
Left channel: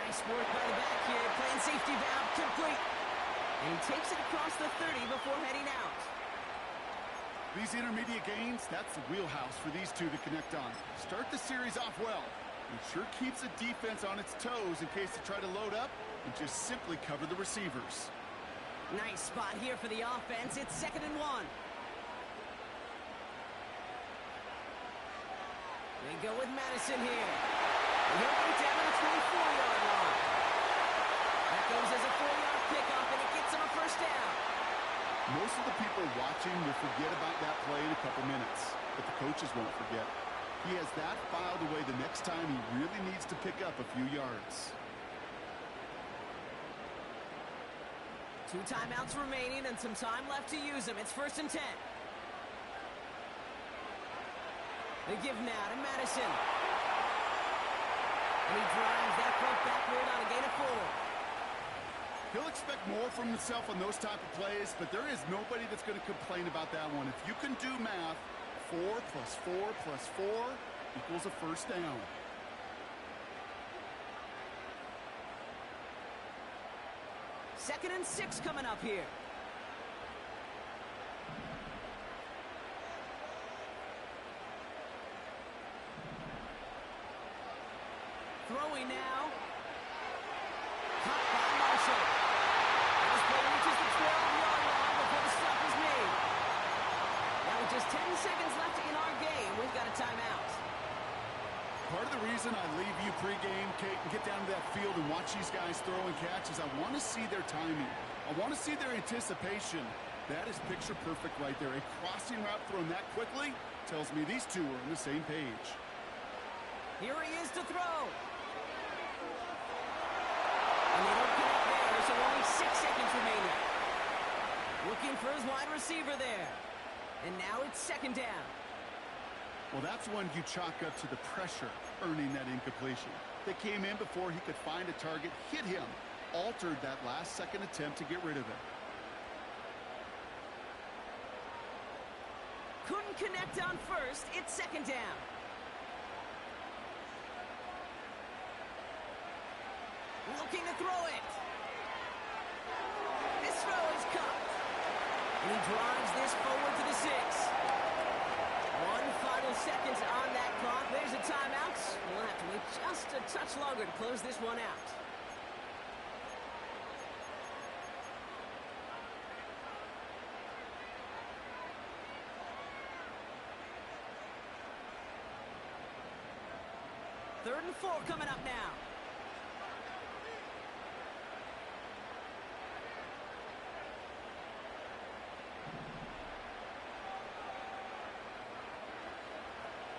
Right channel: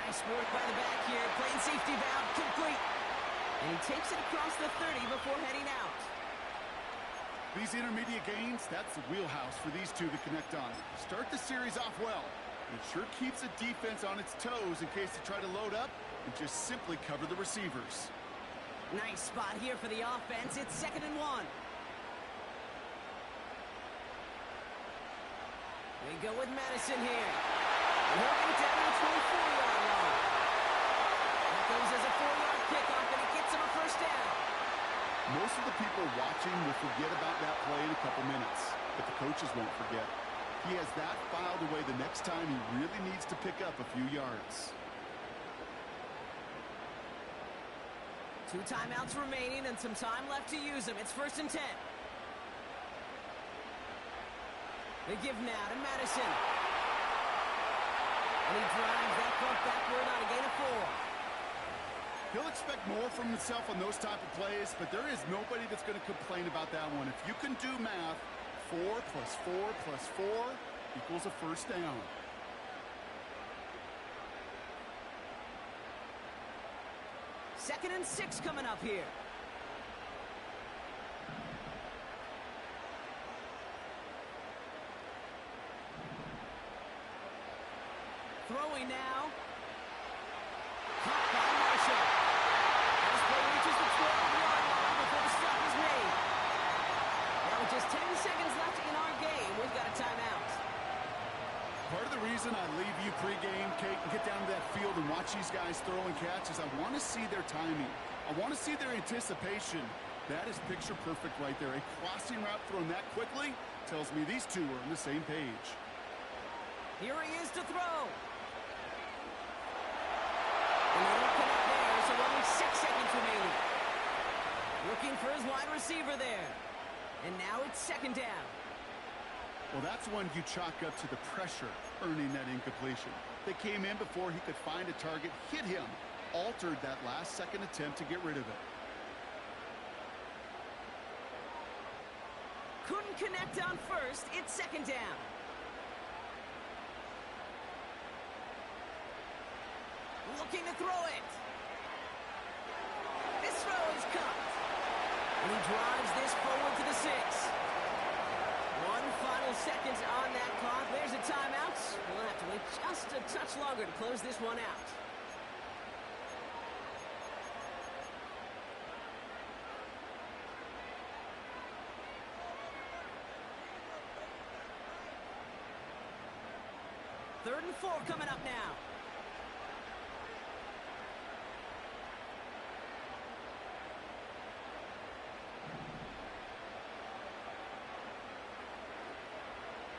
Nice work by the back here. Playing safety valve complete. And he takes it across the 30 before heading out. These intermediate gains, that's the wheelhouse for these two to connect on. Start the series off well. It sure keeps the defense on its toes in case they try to load up and just simply cover the receivers. Nice spot here for the offense. It's 2nd and 1. They go with Madison here. And he'll get it down to the 24-yard line. That goes as a 4-yard pickoff, and it gets him a 1st down. Most of the people watching will forget about that play in a couple minutes, but the coaches won't forget. He has that filed away the next time he really needs to pick up a few yards. 2 timeouts remaining and some time left to use them. It's 1st and 10. They give now to Madison. And he drives that front backward on a gain of 4. He'll expect more from himself on those type of plays, but there is nobody that's going to complain about that one. If you can do math, 4 plus 4 plus 4 equals a first down. Second and 6 coming up here. Throwing now. Caught by Marshall. This play reaches the 12-yard line before the stop is made. Now with just 10 seconds left in our game, we've got a timeout. Part of the reason I leave you pregame, Kate, and get down to that field and watch these guys throw and catch is I want to see their timing. I want to see their anticipation. That is picture perfect right there. A crossing route thrown that quickly tells me these two are on the same page. Here he is to throw. And they don't connect there, so only 6 seconds remaining. Looking for his wide receiver there. And now it's 2nd down. Well, that's when you chalk up to the pressure earning that incompletion. They came in before he could find a target, hit him, altered that last-second attempt to get rid of it. Couldn't connect on first. It's 2nd down. Looking to throw it. This throw is caught. And he drives this forward to the 6. 1 final second on that clock. There's a timeout. We'll have to wait just a touch longer to close this one out. Third and 4 coming up now.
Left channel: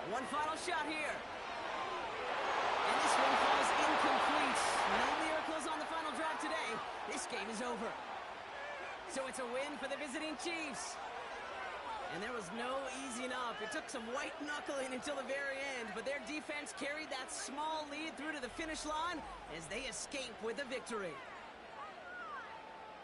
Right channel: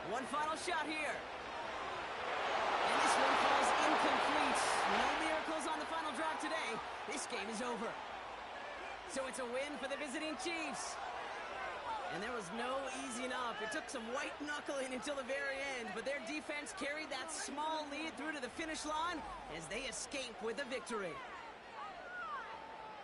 One final shot here. And this one falls incomplete. No miracles on the final drive today. This game is over. So it's a win for the visiting Chiefs. And there was no easing up. It took some white knuckling until the very end, but their defense carried that small lead through to the finish line as they escape with a victory.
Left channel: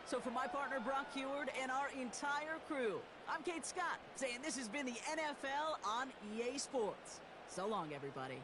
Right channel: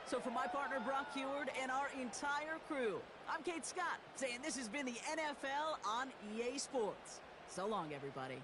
So for my partner Brock Heward and our entire crew, I'm Kate Scott saying this has been the NFL on EA Sports. So long, everybody.